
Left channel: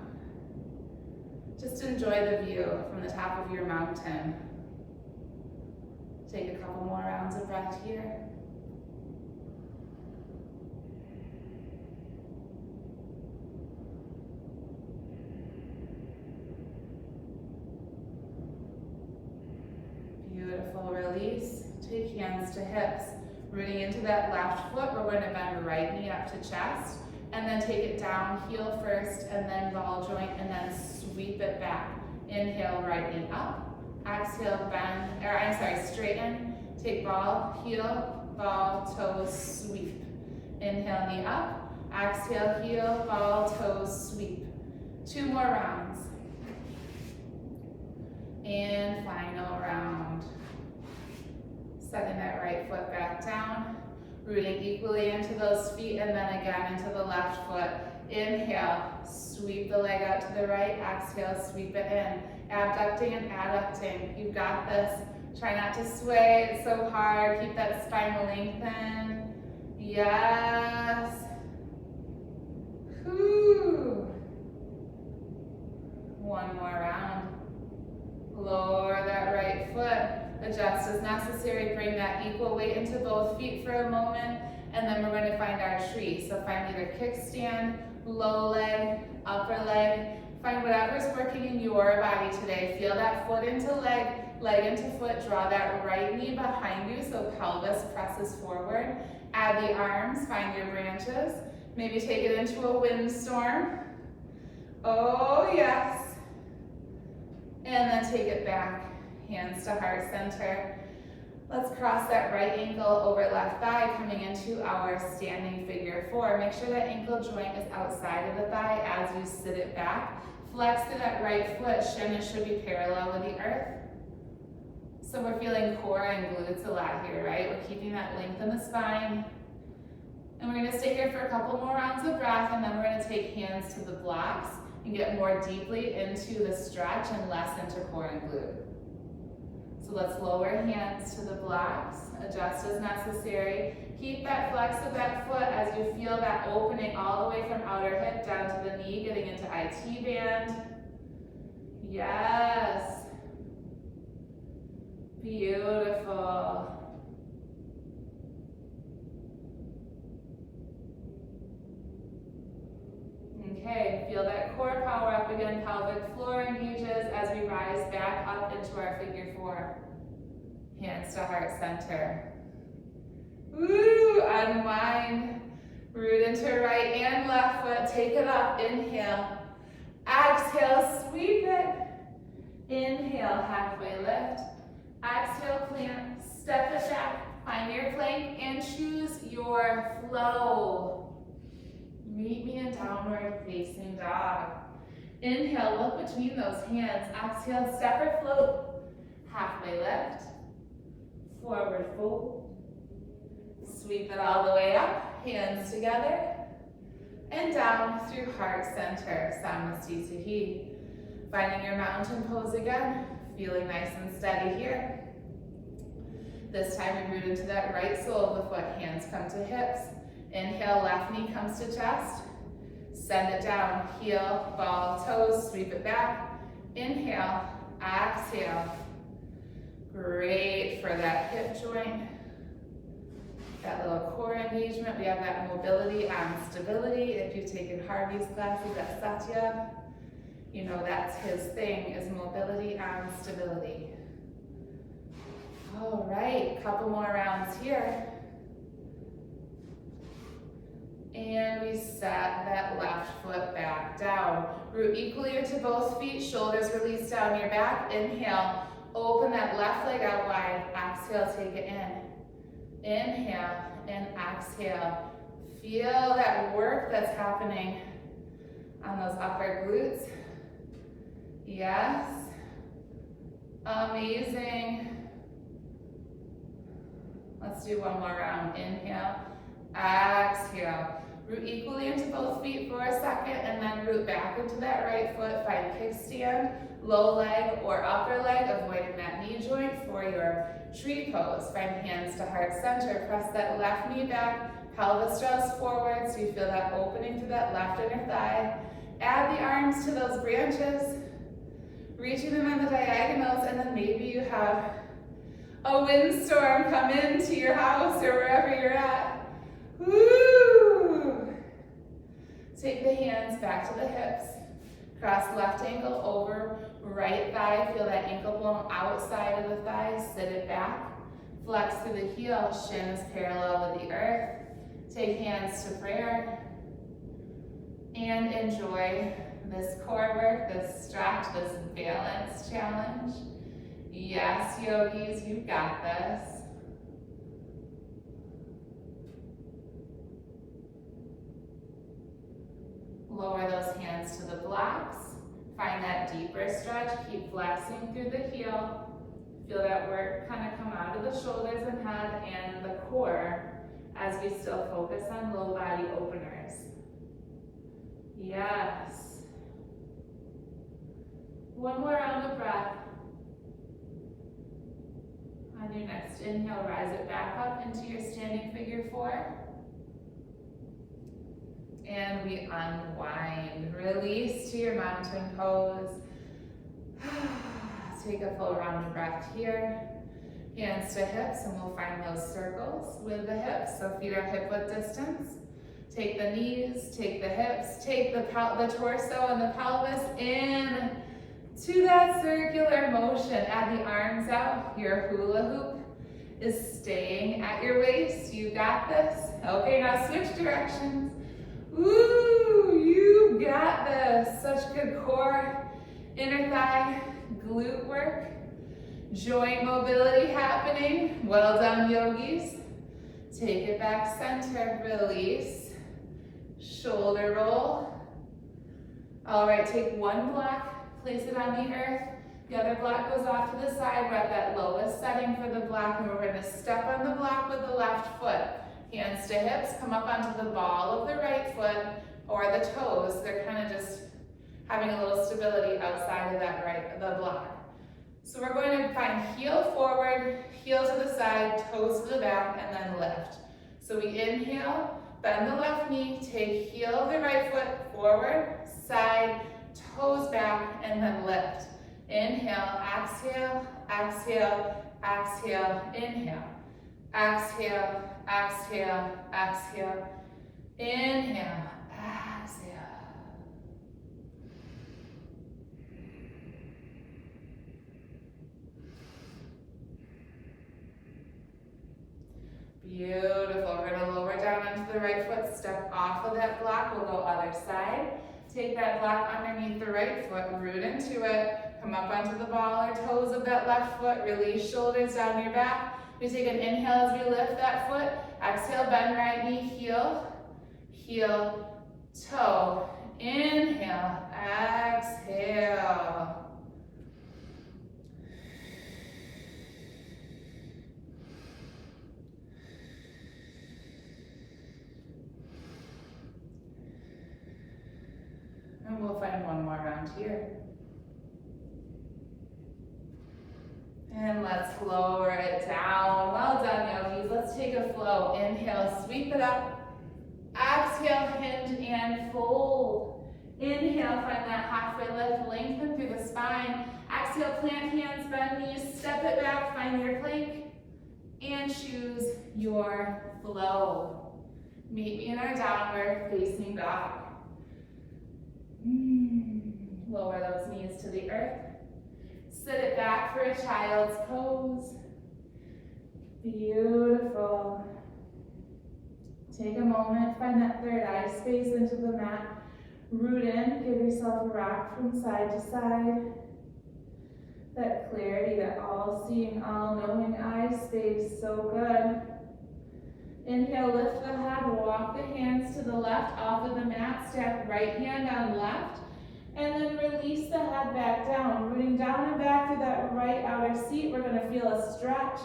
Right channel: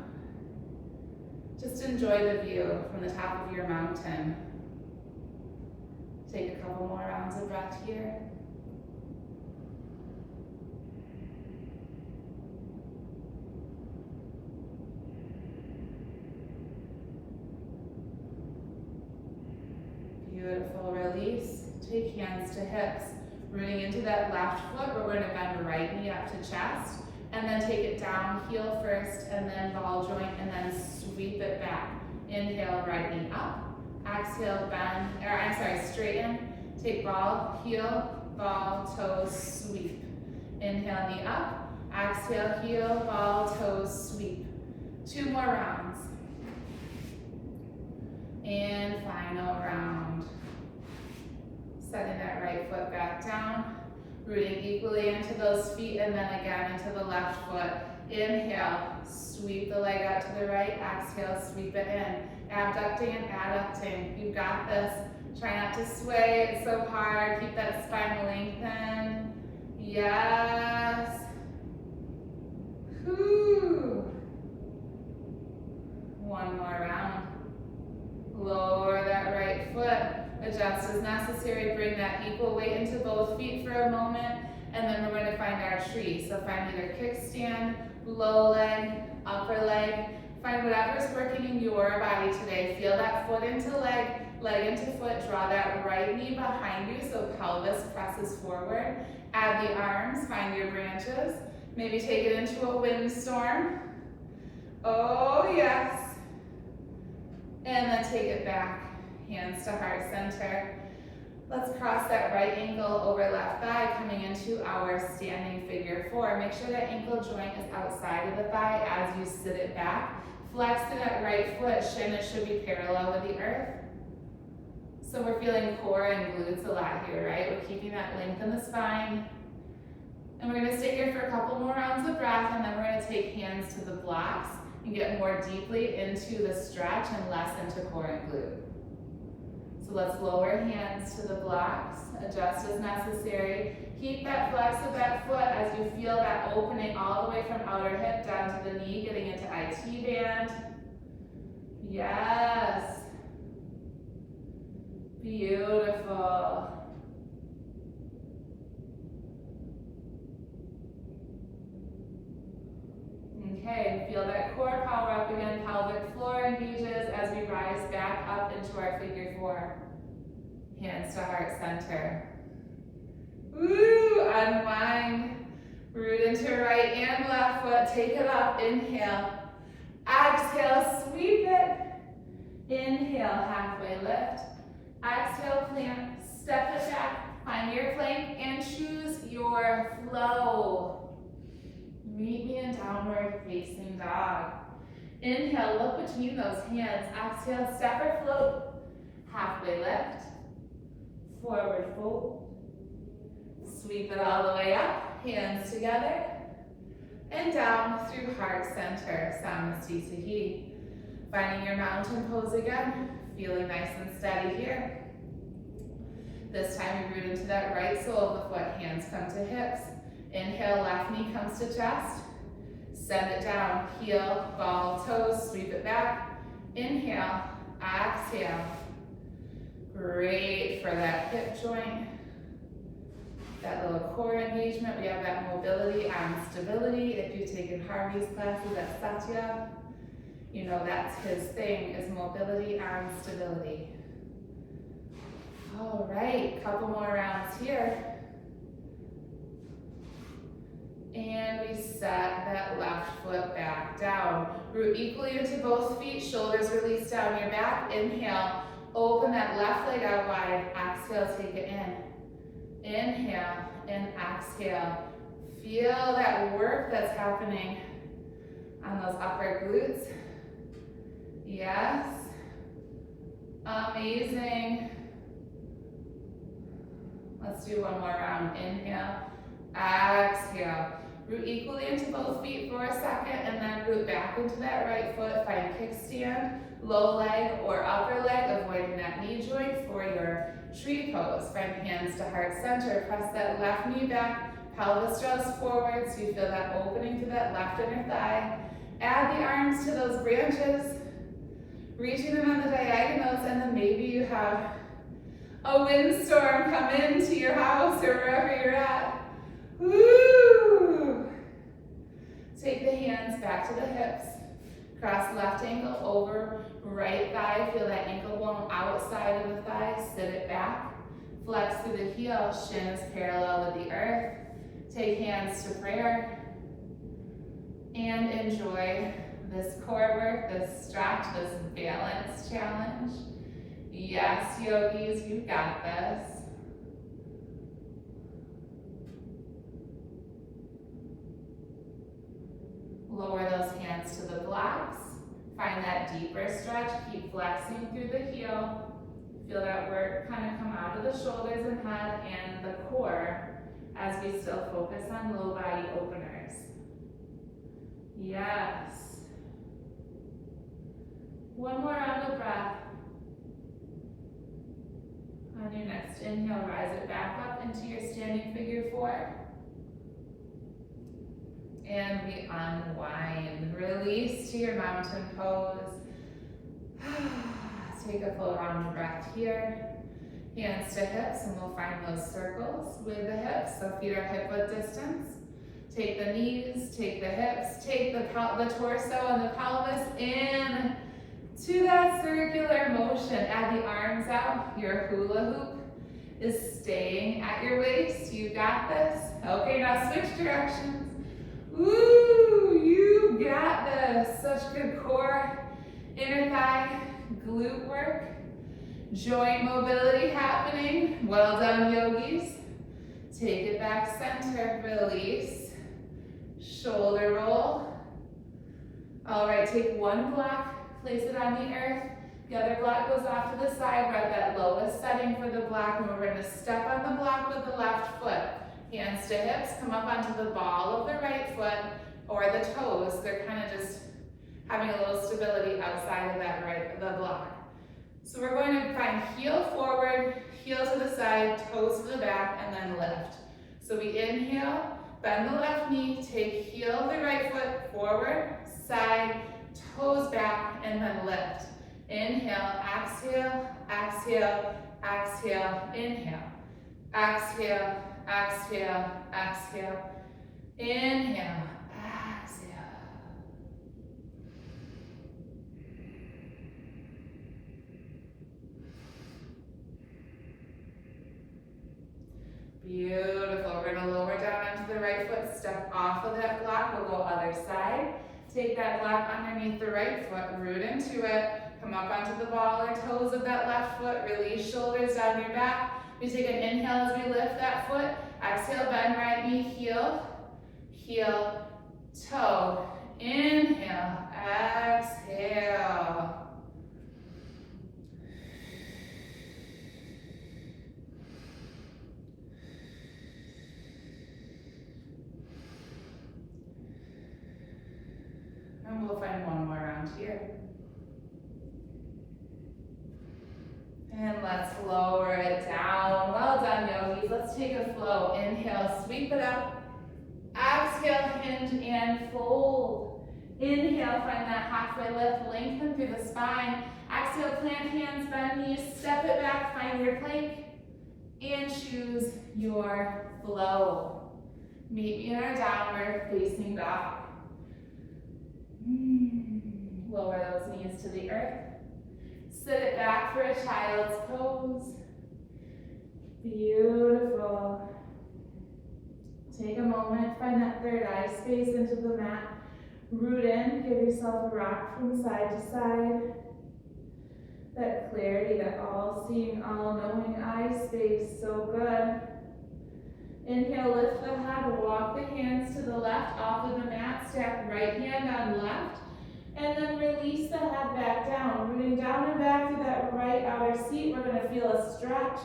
just enjoy the view from the top of your mountain. Take a couple more rounds of breath here. Beautiful, release. Take hands to hips, rooting into that left foot. We're going to bend right knee up to chest, and then take it down, heel first, and then ball joint, and then sweep it back. Inhale, right knee up. Exhale, bend, straighten. Take ball, heel, ball, toes, sweep. Inhale, knee up. Exhale, heel, ball, toes, sweep. 2 more rounds. And final round. Setting that right foot back down, rooting equally into those feet, and then again into the left foot. Inhale, sweep the leg out to the right. Exhale, sweep it in. Abducting and adducting. You've got this. Try not to sway it so hard. Keep that spine lengthened. Yes. Whew. 1 more round. Lower that right foot. Adjust as necessary, bring that equal weight into both feet for a moment, and then we're going to find our tree. So find either kickstand, low leg, upper leg, find whatever's working in your body today. Feel that foot into leg, leg into foot, draw that right knee behind you so pelvis presses forward. Add the arms, find your branches, maybe take it into a windstorm. Oh yes. And then take it back. Hands to heart center. Let's cross that right ankle over left thigh, coming into our standing figure 4. Make sure that ankle joint is outside of the thigh as you sit it back. Flex to that right foot, shin should be parallel with the earth. So we're feeling core and glutes a lot here, right? We're keeping that length in the spine. And we're gonna stay here for a couple more rounds of breath, and then we're gonna take hands to the blocks and get more deeply into the stretch and less into core and glute. So let's lower hands to the blocks, adjust as necessary. Keep that flex of that foot as you feel that opening all the way from outer hip down to the knee, getting into IT band. Yes. Beautiful. Okay, feel that core power up again, pelvic floor engages as we rise back up into our figure 4. Hands to heart center. Woo, unwind. Root into right and left foot. Take it up. Inhale. Exhale, sweep it. Inhale, halfway lift. Exhale, plant. Step it back. Find your plank and choose your flow. Meet me in downward facing dog. Inhale, look between those hands. Exhale, step or float. Halfway lift. Forward fold. Sweep it all the way up. Hands together. And down through heart center. Samasthi Sahi. Finding your mountain pose again. Feeling nice and steady here. This time we root into that right sole of the foot. Hands come to hips. Inhale, left knee comes to chest. Send it down. Heel, ball, toes. Sweep it back. Inhale. Exhale. Great for that hip joint. That little core engagement. We have that mobility and stability. If you've taken Harvey's classes at Satya, you know that's his thing, is mobility and stability. All right, couple more rounds here. And we set that left foot back down. Root equally into both feet, shoulders release down your back. Inhale, open that left leg out wide. Exhale, take it in. Inhale and exhale. Feel that work that's happening on those upper glutes. Yes. Amazing. Let's do one more round. Inhale, exhale. Root equally into both feet for a second and then root back into that right foot. Find kickstand, low leg or upper leg, avoiding that knee joint for your tree pose. Find hands to heart center. Press that left knee back. Pelvis draws forward so you feel that opening through that left inner thigh. Add the arms to those branches, reaching them on the diagonals, and then maybe you have a windstorm come into your house or wherever you're at. Woo! Take the hands back to the hips. Cross left ankle over right thigh. Feel that ankle bone outside of the thigh. Sit it back. Flex through the heel. Shin is parallel with the earth. Take hands to prayer. And enjoy this core work, this stretch, this balance challenge. Yes, yogis, you got this. Lower those hands to the blocks. Find that deeper stretch. Keep flexing through the heel. Feel that work kind of come out of the shoulders and head and the core as we still focus on low body openers. Yes. One more round of breath. On your next inhale, rise it back up into your standing figure four. And we unwind. Release to your mountain pose. Take a full round of breath here. Hands to hips, and we'll find those circles with the hips. So feet are hip width distance. Take the knees, take the hips, take the torso and the pelvis in to that circular motion. Add the arms out. Your hula hoop is staying at your waist. You got this. Okay, now switch directions. Woo, you got this. Such good core, inner thigh, glute work, joint mobility happening. Well done, yogis. Take it back center, release. Shoulder roll. All right, take one block, place it on the earth. The other block goes off to the side. We're at that lowest setting for the block, and we're gonna step on the block with the left foot. Hands to hips, come up onto the ball of the right foot or the toes. They're kind of just having a little stability outside of that the block. So we're going to find heel forward, heel to the side, toes to the back, and then lift. So we inhale, bend the left knee, take heel of the right foot forward, side, toes back, and then lift. Inhale, exhale, exhale, exhale, inhale. Exhale, exhale, exhale. Inhale, exhale. Beautiful. We're gonna lower down onto the right foot, step off of that block. We'll go other side. Take that block underneath the right foot, root into it. Come up onto the ball or toes of that left foot. Release shoulders down your back. We take an inhale as we lift that foot. Exhale, bend right knee, heel, heel, toe. Inhale, exhale. And we'll find one more round here. And let's lower it down. Well done, yogis. Let's take a flow. Inhale, sweep it up. Exhale, hinge and fold. Inhale, find that halfway lift, lengthen through the spine. Exhale, plant hands, bend knees, step it back, find your plank, and choose your flow. Meet me in our downward facing dog. Lower those knees to the earth. Sit it back for a child's pose. Beautiful. Take a moment, find that third eye space into the mat. Root in, give yourself a rock from side to side. That clarity, that all-seeing, all-knowing eye space, so good. Inhale, lift the head, walk the hands to the left off of the mat, stack right hand on left, and then release the head back down. Rooting down and back to that right outer seat, we're gonna feel a stretch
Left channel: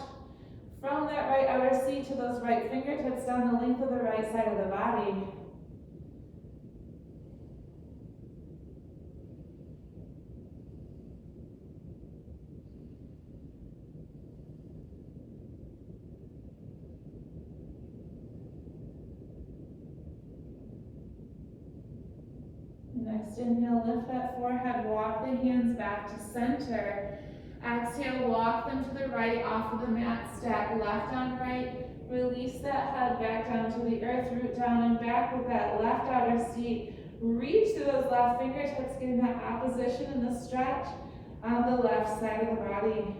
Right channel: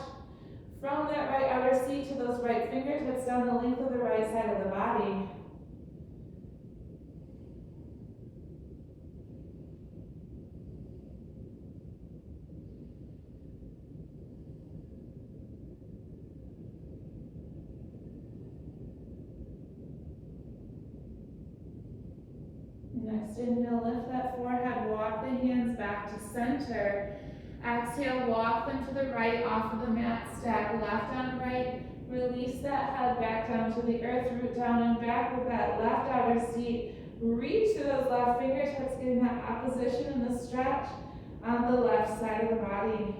from that right outer seat to those right fingertips down the length of the right side of the body. Next inhale, lift that forehead, walk the hands back to center. Exhale, walk them to the right off of the mat, stack left on right. Release that head back down to the earth, root down and back with that left outer seat. Reach to those left fingertips, getting that opposition and the stretch on the left side of the body.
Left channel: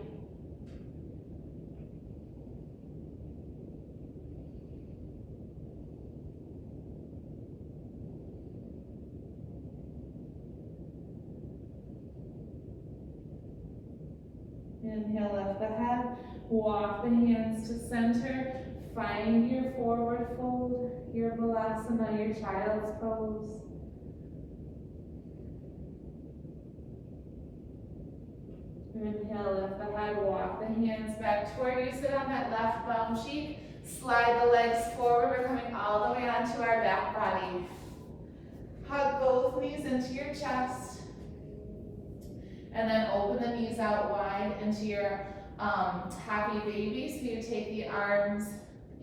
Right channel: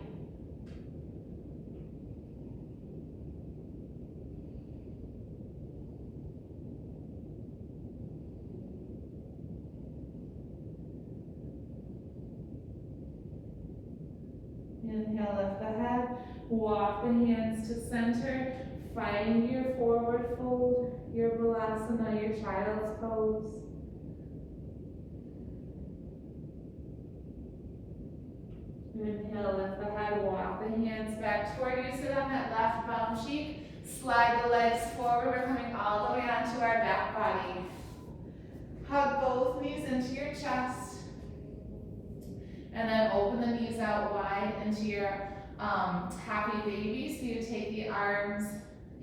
Inhale, lift the head, walk the hands to center, find your forward fold, your balasana, your child's pose. Inhale, lift the head, walk the hands back toward you, sit on that left bum cheek, slide the legs forward, we're coming all the way onto our back body. Hug both knees into your chest. And then open the knees out wide into your happy baby. So you take the arms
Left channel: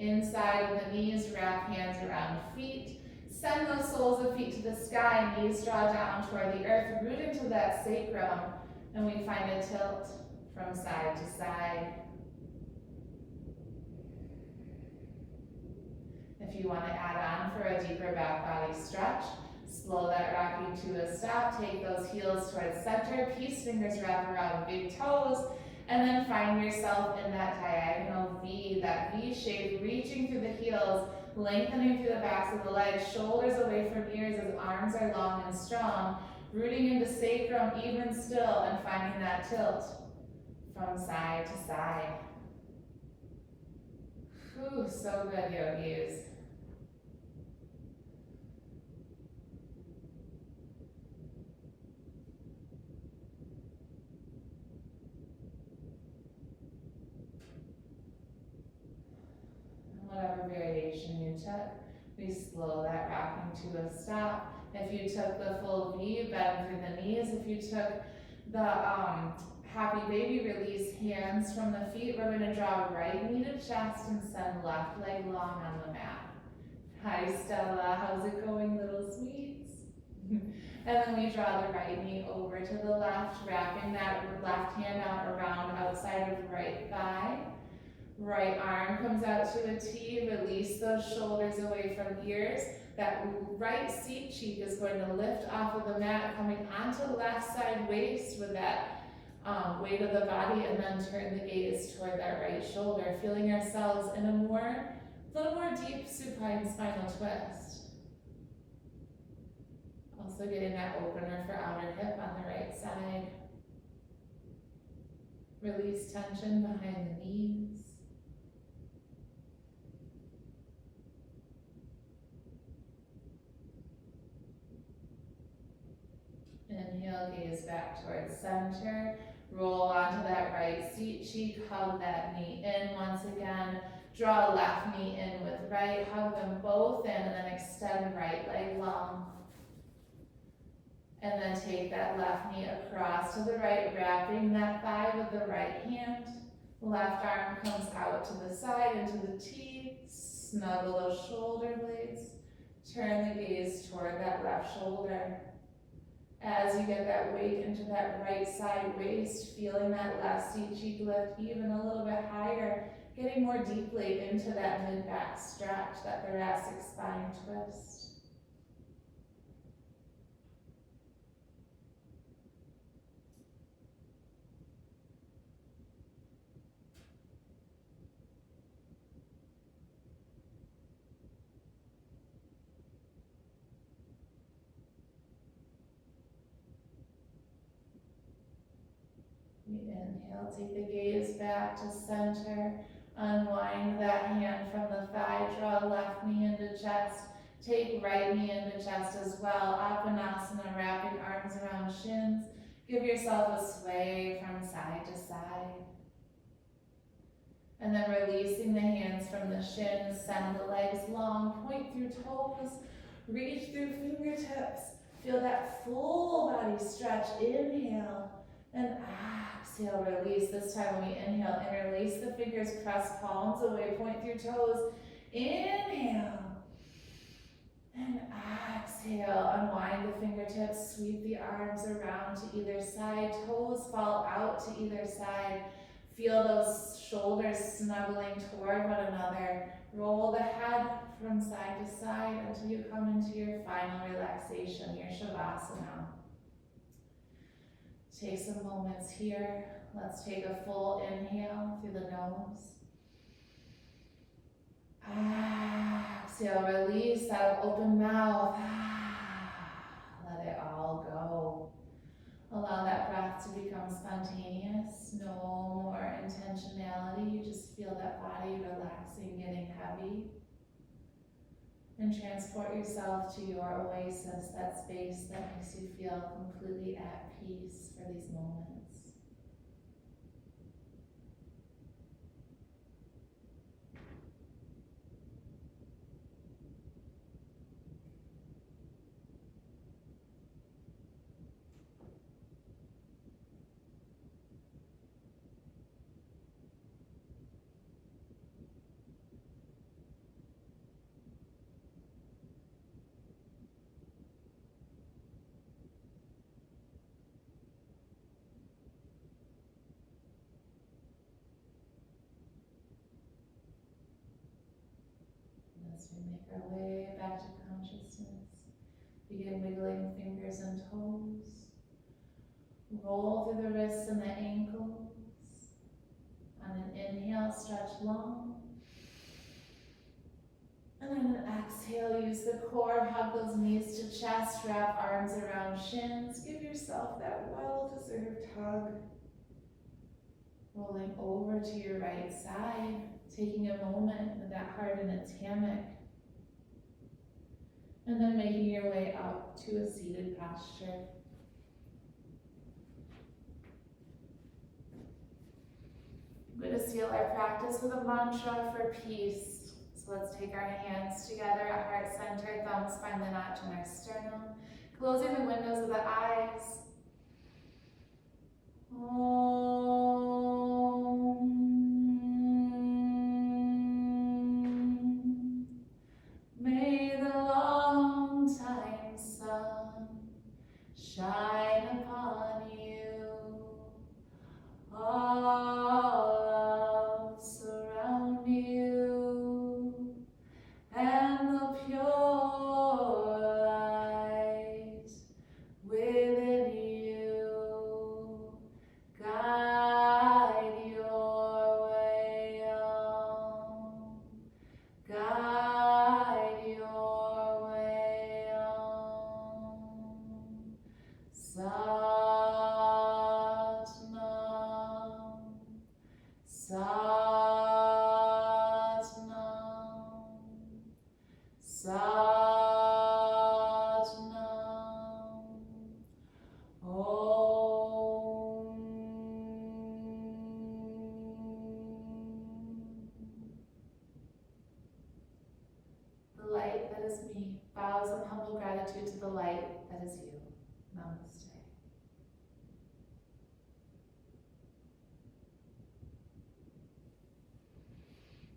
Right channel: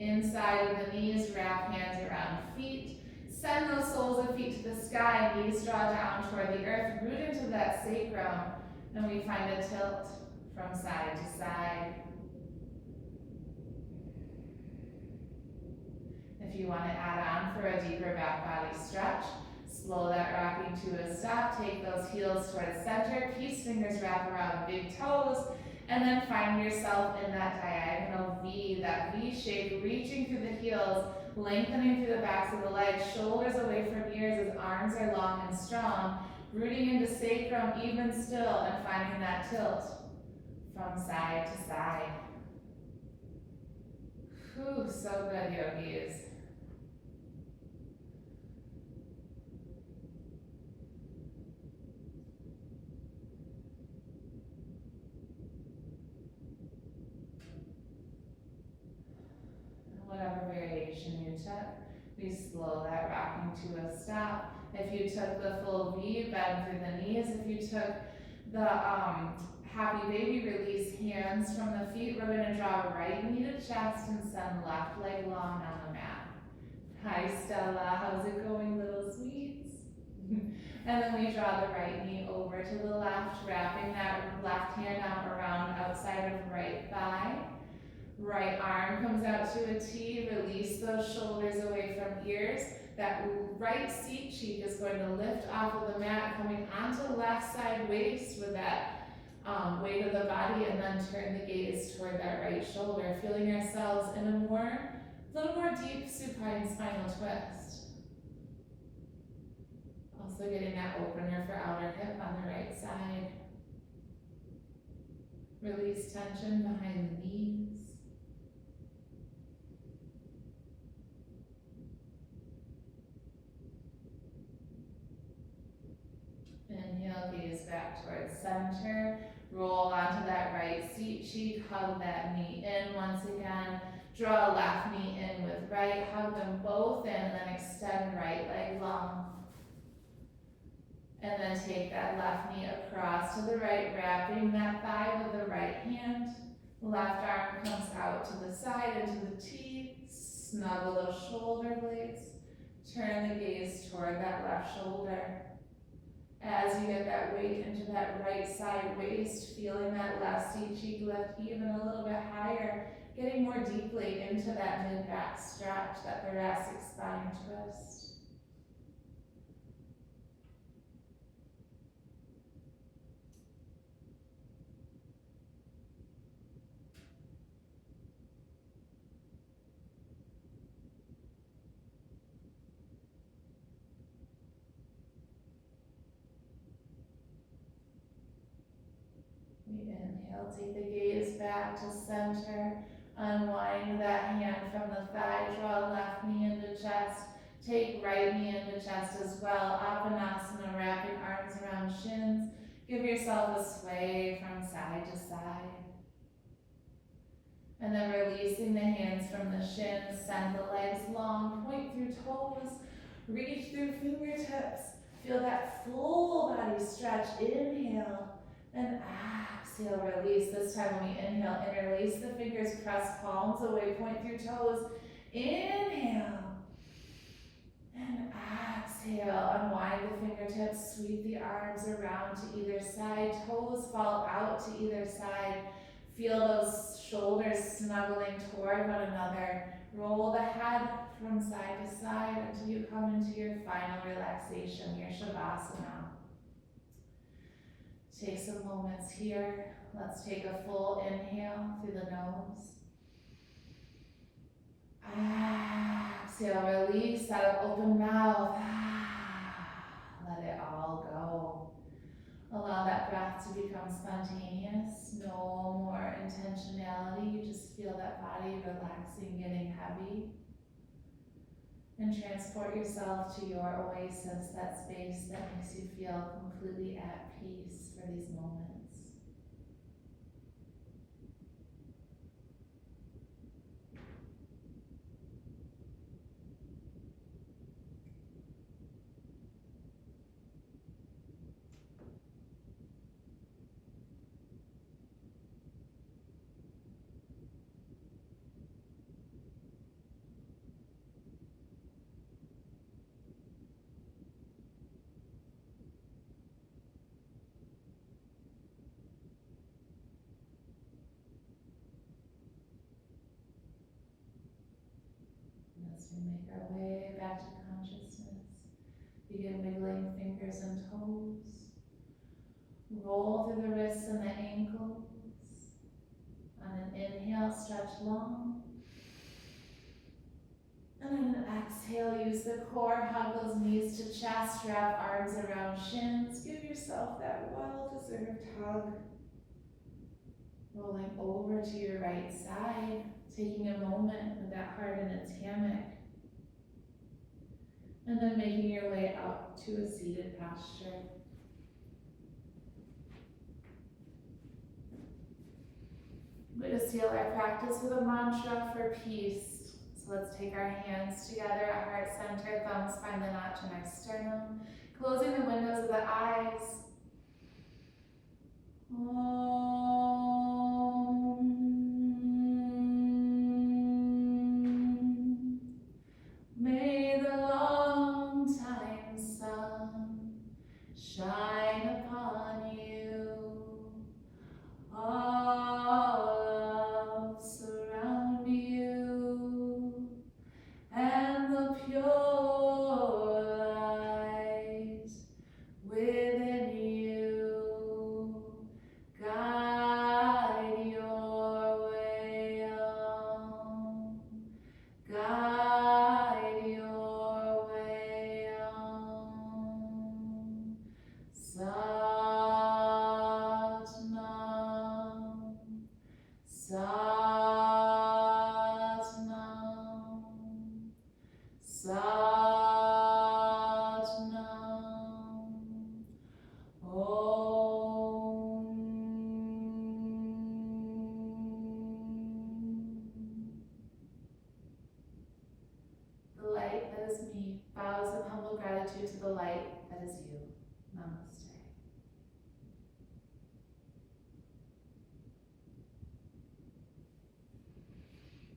inside of the knees, wrap hands around feet. Send those soles of feet to the sky, knees draw down toward the earth, root into that sacrum, and we find a tilt from side to side. If you want to add on for a deeper back body stretch, slow that rocking to a stop, take those heels towards center, peace fingers wrap around big toes, and then find yourself in that diagonal V, that V shape, reaching through the heels, lengthening through the backs of the legs, shoulders away from ears as arms are long and strong, rooting into sacrum even still, and finding that tilt from side to side. Whew, so good, yogis. Whatever variation you took, we slow that rocking to a stop. If you took the full V, bend through the knees. If you took the happy baby, release hands from the feet. We're going to draw right knee to chest and send left leg long on the mat. Hi Stella, how's it going, little sweets? And then we draw the right knee over to the left, wrapping that left hand out around outside of right thigh. Right arm comes out to a T, release those shoulders away from ears. That right seat cheek is going to lift off of the mat, coming onto left side waist with that weight of the body, and then turn the gaze toward that right shoulder, feeling ourselves in a more A little more deep supine spinal twist. Also getting that opener for outer hip on the right side. Release tension behind the knees. Inhale, gaze back towards center. Roll onto that right seat cheek, hug that knee in once again. Draw left knee in with right, hug them both in, and then extend right leg long. And then take that left knee across to the right, wrapping that thigh with the right hand. Left arm comes out to the side into the T. Snuggle those shoulder blades. Turn the gaze toward that left shoulder. As you get that weight into that right side waist, feeling that left seat cheek lift even a little bit higher, getting more deeply into that mid-back stretch, that thoracic spine twist. We inhale, take the gaze back to center. Unwind that hand from the thigh, draw left knee into chest. Take right knee into chest as well. Apanasana, wrapping arms around shins. Give yourself a sway from side to side. And then releasing the hands from the shins, send the legs long, point through toes, reach through fingertips. Feel that full body stretch. Inhale and exhale, release. This time when we inhale, interlace the fingers, press palms away, point through toes. Inhale and exhale, unwind the fingertips, sweep the arms around to either side, toes fall out to either side. Feel those shoulders snuggling toward one another. Roll the head from side to side until you come into your final relaxation, your Shavasana. Take some moments here. Let's take a full inhale through the nose. Exhale, release out, open mouth. Let it all go. Allow that breath to become spontaneous. No more intentionality. You just feel that body relaxing, getting heavy. And transport yourself to your oasis, that space that makes you feel completely at peace for these moments. As we make our way back to consciousness, begin wiggling fingers and toes. Roll through the wrists and the ankles. On an inhale, stretch long. And on an exhale, use the core, hug those knees to chest, wrap arms around shins. Give yourself that well-deserved hug. Rolling over to your right side, taking a moment with that heart in its hammock. And then making your way up to a seated posture. I'm going to seal our practice with a mantra for peace. So let's take our hands together at heart center, thumbs find the notch in our sternum, closing the windows of the eyes. May the long time sun shine upon you. All surround you, and the pure light within you guide your way on. Guide Satnam, Satnam, Satnam, Om. The light that is me bows in humble gratitude to the light that is you. Namaste.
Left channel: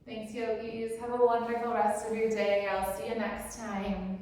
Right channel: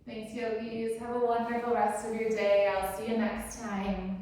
Thanks, yogis. Have a wonderful rest of your day. I'll see you next time.